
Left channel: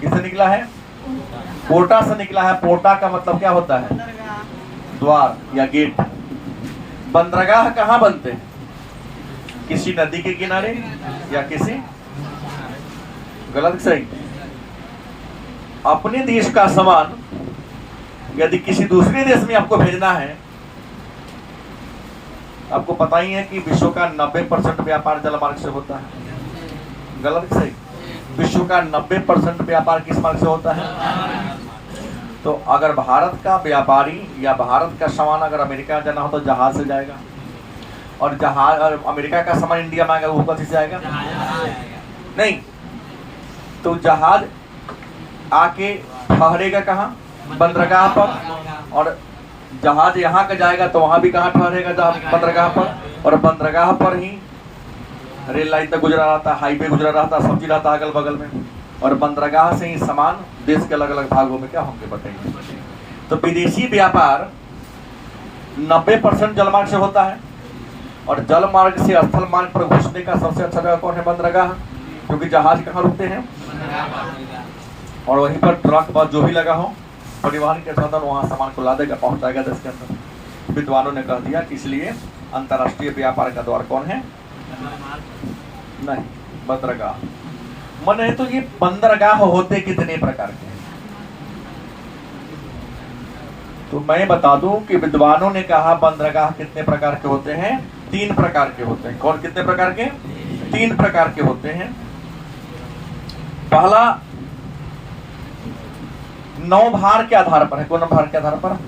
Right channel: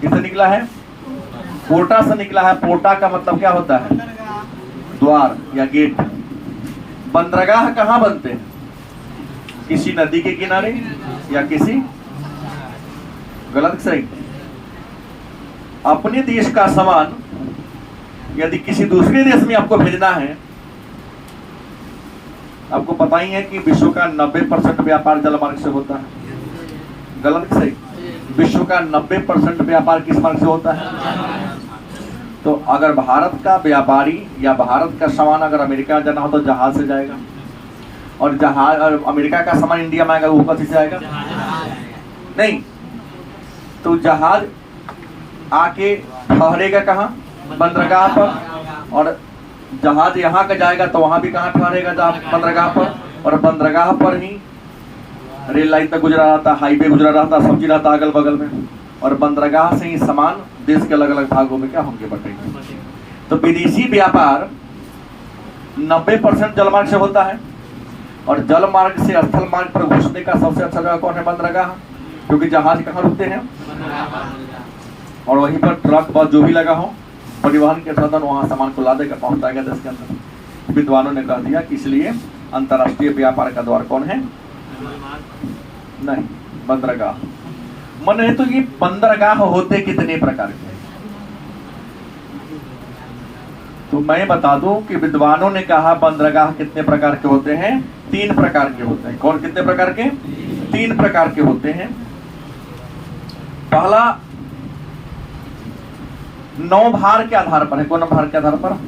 किससे निकला है? पोर्टा से निकला है। पोर्टा का मतलब क्या होता है? द्वार या गेट। बंदरगाह कहाँ बनते हैं? किसी नदी के किनारे या किसी, गलत सही, अपने देश का सामान यदि किसी दूसरे देश में आपको भेजना है, आपको पता ही है कि विश्व का 90% व्यापार जलमार्ग से होता है। गलत सही, विश्व का 90% व्यापार किस मार्ग से होता है? तो अगर भारत का व्यापारी या भारत का सामान अगर अमेरिका जाना हो तो जहाज से जाएगा, और जहाज अमेरिका का सामान इंडिया में आएगा वो कथी से आएगा? नहीं, तो जहाज आके ठहरेगा कहाँ? बंदरगाह पर, और जहाज यहाँ का जाएगा तो वहां भी कहाँ ठहरेगा? बंदरगाह पर, और बंदरगाह पर ही रेल लाइन तक गुजरा रहता, हाईवे गुजरा रहता, सब्जी रहता अगल बगल में, और बंदरगाह से ही सामान देश के अलग अलग भागों में क्या होंगे? बटेंगे। तो विदेशी व्यापार 90% जलमार्ग से होता है, और जल मार्ग से स्थल मार्ग पर घुसने का सबसे अच्छा जगह कौन है? बंदरगाह, क्योंकि जहाज कहाँ रुकते हैं? और वहीं पर ट्रक बस जो भी लगा हो परिवहन के साधन वहां सामान को ला देगा, पहुंचाएगा देश के अंदर। विद्वानों ने कह दिया कि इसलिए अंतर्राष्ट्रीय व्यापार का द्वार कौन है? नहीं, बंदरगाह। मन तो ये बंदरगाह होते कितने प्रकार के? तो मैं बता दूं कि विद्वानों ने कहा बंदरगाह कितने प्रकार के होते हैं? 3 प्रकार के होते हैं। कौन कितने प्रकार के? 3 प्रकार के होते हैं। पहला नौभार के आधार पर है। कौन भार के आधार पर?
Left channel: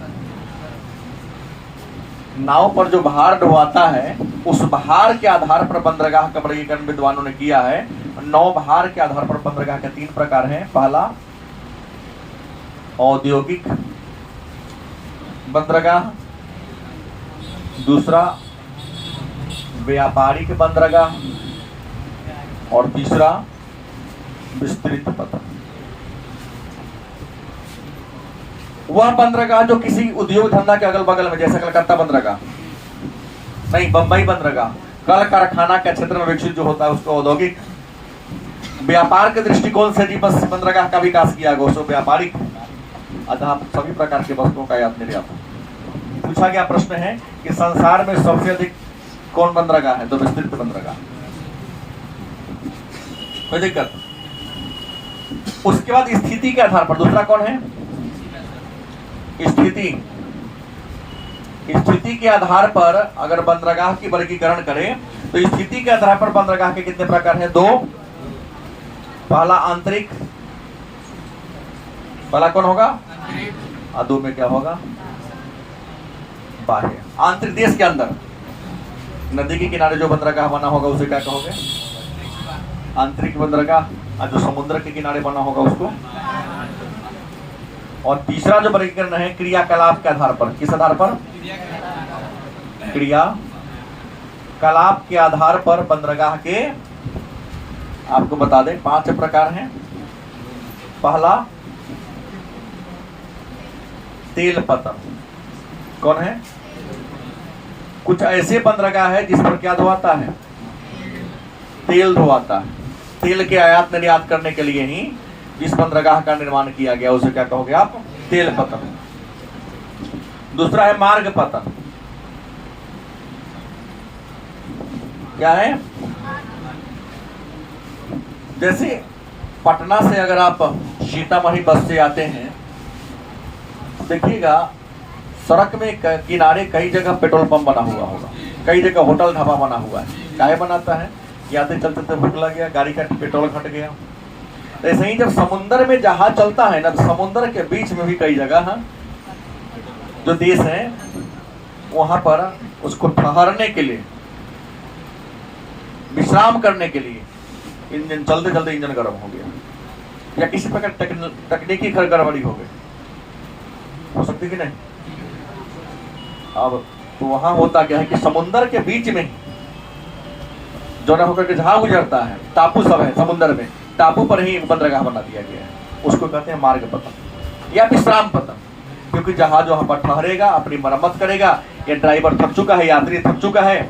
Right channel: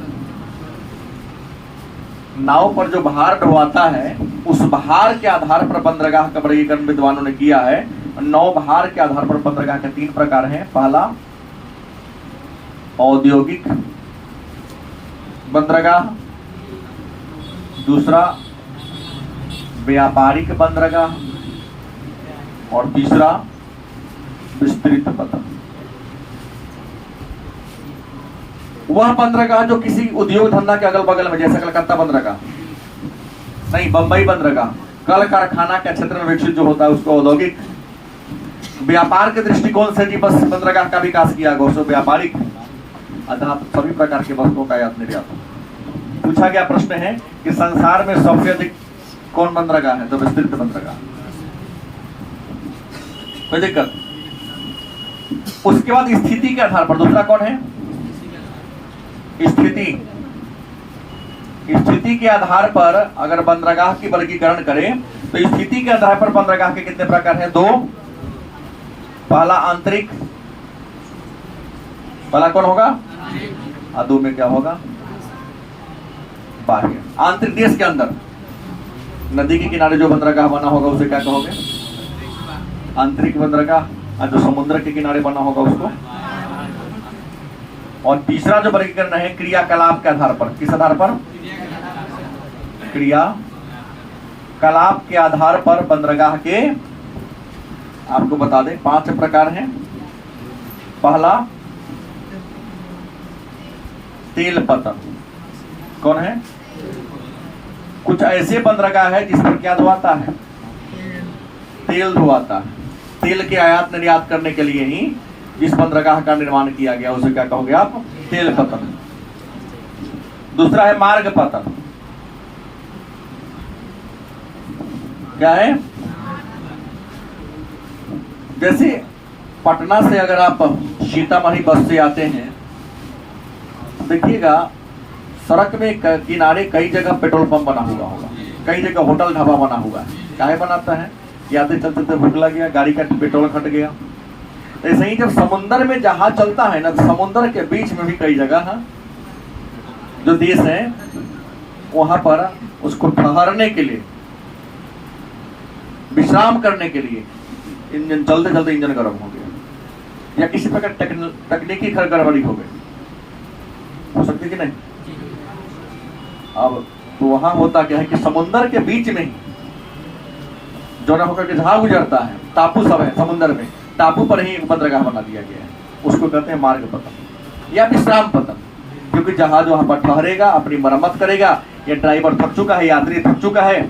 नाव पर जो भार ढोवाता है उस भार के आधार पर बंदरगाह का वर्गीकरण विद्वानों ने किया है। नौभार के आधार पर बंदरगाह के 3 प्रकार हैं। पहला औद्योगिक बंदरगाह, दूसरा व्यापारिक बंदरगाह, और तीसरा विस्तृत पथ। वह बंदरगाह जो किसी उद्योग धंधा के अगल बगल में, जैसे कलकत्ता बंदरगाह नहीं, बंबई बंदरगाह कल कारखाना के क्षेत्र में विकसित जो होता है उसको औद्योगिक। व्यापार के दृष्टिकोण से जी बस बंदरगाह का विकास किया गया उसको व्यापारिक। अतः सभी प्रकार के वस्तुओं का आयात निर्यात। पूछा गया प्रश्न है कि संसार में सबसे अधिक कौन बंदरगाह है? तो विस्तृत बंदरगाह। कोई दिक्कत? उसके बाद स्थिति के आधार पर दूसरा कौन है? स्थिति। स्थिति के आधार पर अगर बंदरगाह की वर्गीकरण करें तो स्थिति के आधार पर बंदरगाह के कितने प्रकार हैं? 2। पहला आंतरिक, पहला कौन होगा? और 2 में क्या होगा? बाह्य। आंतरिक देश के अंदर नदी के किनारे जो बंदरगाह बना होगा उसे क्या कहोगे? आंतरिक बंदरगाह। और जो समुद्र के किनारे बना होगा उसको। और तीसरा जो वर्गीकरण है क्रियाकलाप के आधार पर। किस आधार पर? क्रियाकलाप के आधार पर बंदरगाह के आपको बता दें 5 प्रकार हैं। पहला तेल पतन। कौन है? कुछ ऐसे बंदरगाह है जिस पर क्या धोआता है? तेल धोआता है। तेल के आयात निर्यात करने के लिए ही जिस बंदरगाह का निर्माण किया गया उसे क्या कहोगे आप? तेल पतन। दूसरा है मार्ग पतन। क्या है? जैसे पटना से अगर आप सीतामढ़ी बस से आते हैं देखिएगा सड़क में किनारे कई जगह पेट्रोल पंप बना हुआ होगा, कई जगह होटल ढाबा बना हुआ है। क्या बनाता है? यादें चलते थे, भूख लग गया, गाड़ी का पेट्रोल घट गया। ऐसे ही जब समुद्र में जहाज चलता है ना तो समुद्र के बीच में भी कई जगह है जो देश है वहां पर उसको ठहरने के लिए, विश्राम करने के लिए इंजन चलते चलते इंजन गर्म हो गया या किसी प्रकार तकनीकी गड़बड़ी हो गई, हो सकती कि नहीं? अब तो वहां होता क्या है कि समुद्र के बीच में ही जो ना होकर के जहां गुजरता है, टापू सब है समुद्र में, टापू पर ही एक बंदरगाह बना दिया गया है। उसको कहते हैं मार्ग पतन या विश्राम पतन, क्योंकि जहाज वहां पर ठहरेगा, अपनी मरम्मत करेगा, या ड्राइवर थक चुका है, यात्री थक चुका है,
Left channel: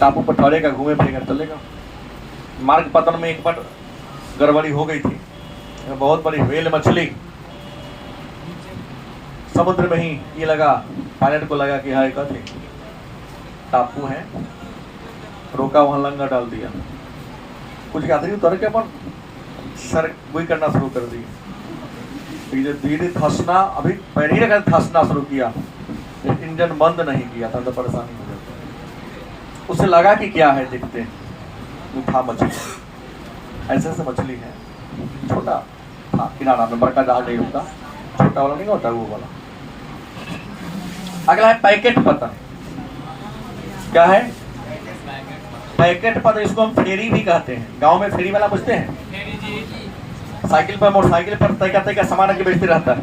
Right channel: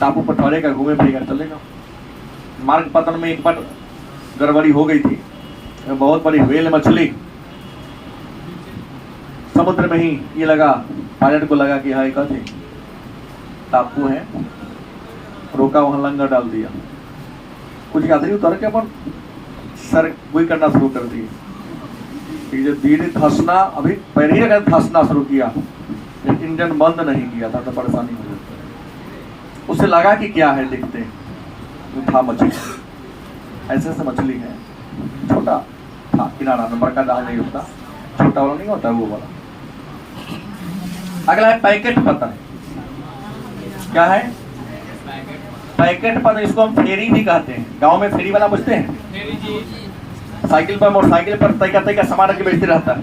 टापू पर ठहरेगा, घूमे फिरेगा, चलेगा। मार्ग पतन में एक बार गड़बड़ी हो गई थी, बहुत बड़ी व्हेल मछली समुद्र में ही ये लगा, पायलट को लगा कि है कथी टापू है, रोका, वहां लंगर डाल दिया। कुछ यात्री उतर के अपन सर वही करना शुरू कर दिए, धीरे धंसना, अभी पैर ही लगा धंसना शुरू किया, इंजन बंद नहीं किया था तो परेशानी हो जाती। उसे लगा कि क्या है, देखते था मछली, ऐसे मछली है, छोटा था किनारा में, बड़का जहाज नहीं होता, छोटा वाला नहीं होता वो वाला। अगला है पैकेट पतन। क्या है? पैकेट पतन। इसको हम फेरी भी कहते हैं। गांव में फेरी वाला पूछते हैं, साइकिल पर मोटरसाइकिल पर तय का सामान रख के बेचते रहता है।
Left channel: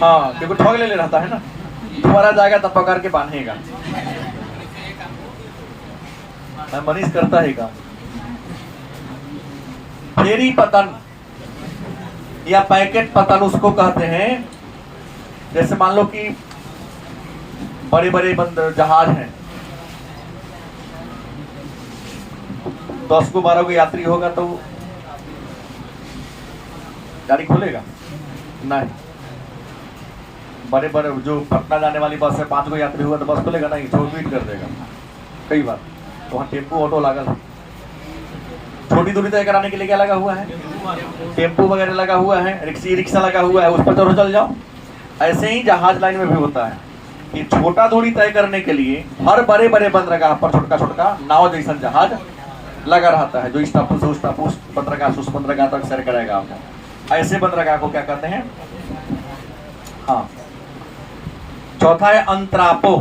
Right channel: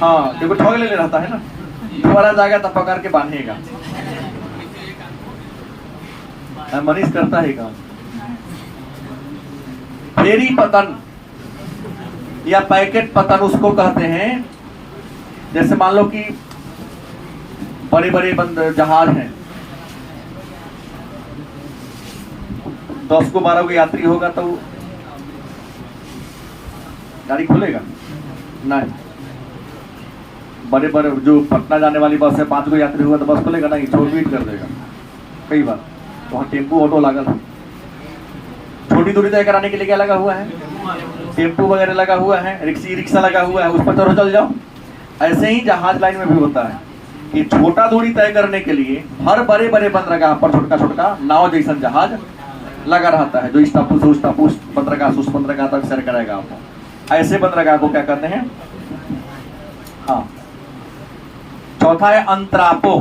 हाँ, देखो ठग ले रहता है ना, तुम्हारा जाएगा तब पकड़ के बांधेगा। मनीष करता है काम। फेरी पतन या पैकेट पतन उसको कहते हैं, जैसे मान लो कि बड़े बड़े जहाज हैं, 10 को 12 को यात्री होगा तो गाड़ी खोलेगा नहीं। बड़े बड़े जो पटना जाने वाली बस है, 5 को यात्री होगा तो बस खोलेगा नहीं, छोड़ बीट कर देगा कई बार। तो वहाँ टेम्पू ऑटो लागल है। छोटी दूरी तय कराने के लिए क्या लगा हुआ है? टेम्पू वगैरह लगा हुआ है, रिक्शा लगा हुआ है, उस पर चढ़ो चल जाओ। ऐसे ही जहाज लाइन में भी होता है कि छोटा दूरी तय करने के लिए हर बड़े बड़े बंदरगाह पर छोटा छोटा नाव जैसा जहाज लगा रहता है, जो इस टापू से उस टापू, उस बंदरगाह से उस बंदरगाह तक सैर कराएगा आपको। ऐसे बंदरगाह को क्या कहते हैं? हाँ। चौथा है अंतरापो।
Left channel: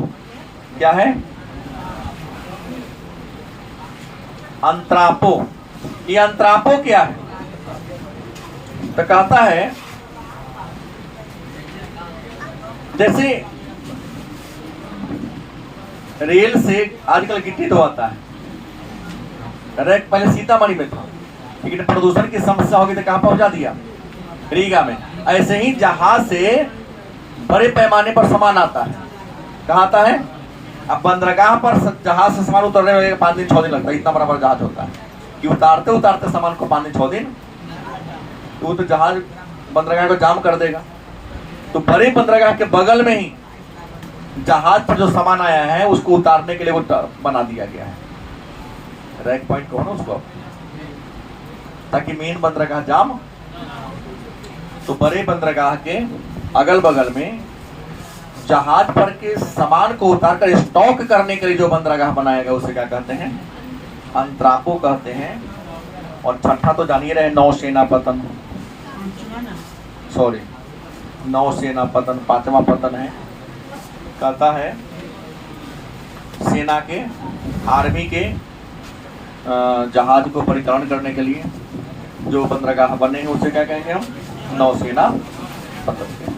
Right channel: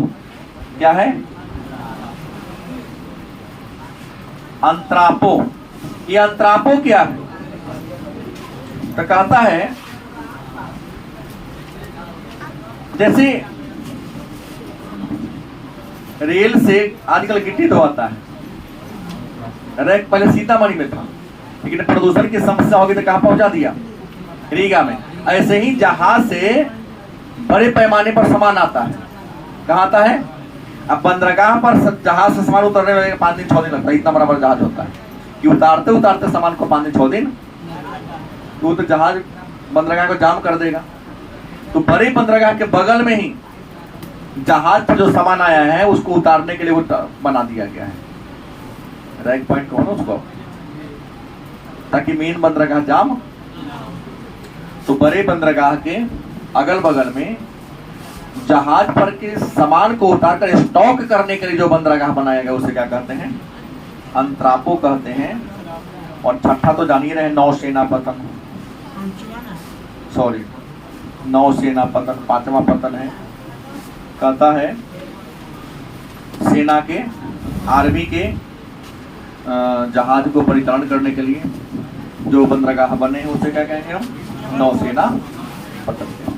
क्या है? अंतरापो। ये अंतरापो क्या है? तो कहता है जैसे रेल से आजकल गिट्टी धोता है, रैक पहले सीतामढ़ी में था, लेकिन प्रदूषण की समस्या होगी तो कहां पहुंचा दिया? रीगा में। ऐसे ही जहाज से बड़े पैमाने पर सामान आता है। कहाँ आता है? अब बंदरगाह पर जहाज से सामान उतरने में 5 दिन 6 दिन लगता है, इतना बड़ा जहाज होता है कि उतारते उतारते सामान को 5 दिन 6 दिन, तो जहाज बंदरगाह को जाम कर देगा। तो बड़े बंदरगाह के बगल में ही जहाज पर जो सामान आया है उसको उतारने के लिए वो बना दिया गया है, रैक पॉइंट कौन उसको, ताकि मेन बंदरगाह जाम। तो बड़े बंदरगाह के अगल बगल में जहाज पर के सामान को उतारकर स्टॉक करने के लिए जो बंदरगाह बनाया गया उसे क्या कहते हैं? अंतरापो कहते हैं। और छठा तो जानिए रहे, नौसेना पतन। सॉरी, नौसेना पतन 5वां पतन है। कहता है सेना के, आर्मी के जहाज को परिचालन करने के लिए जो बंदरगाह बने हैं उसे क्या कहेंगे हम? नौसेना पतन।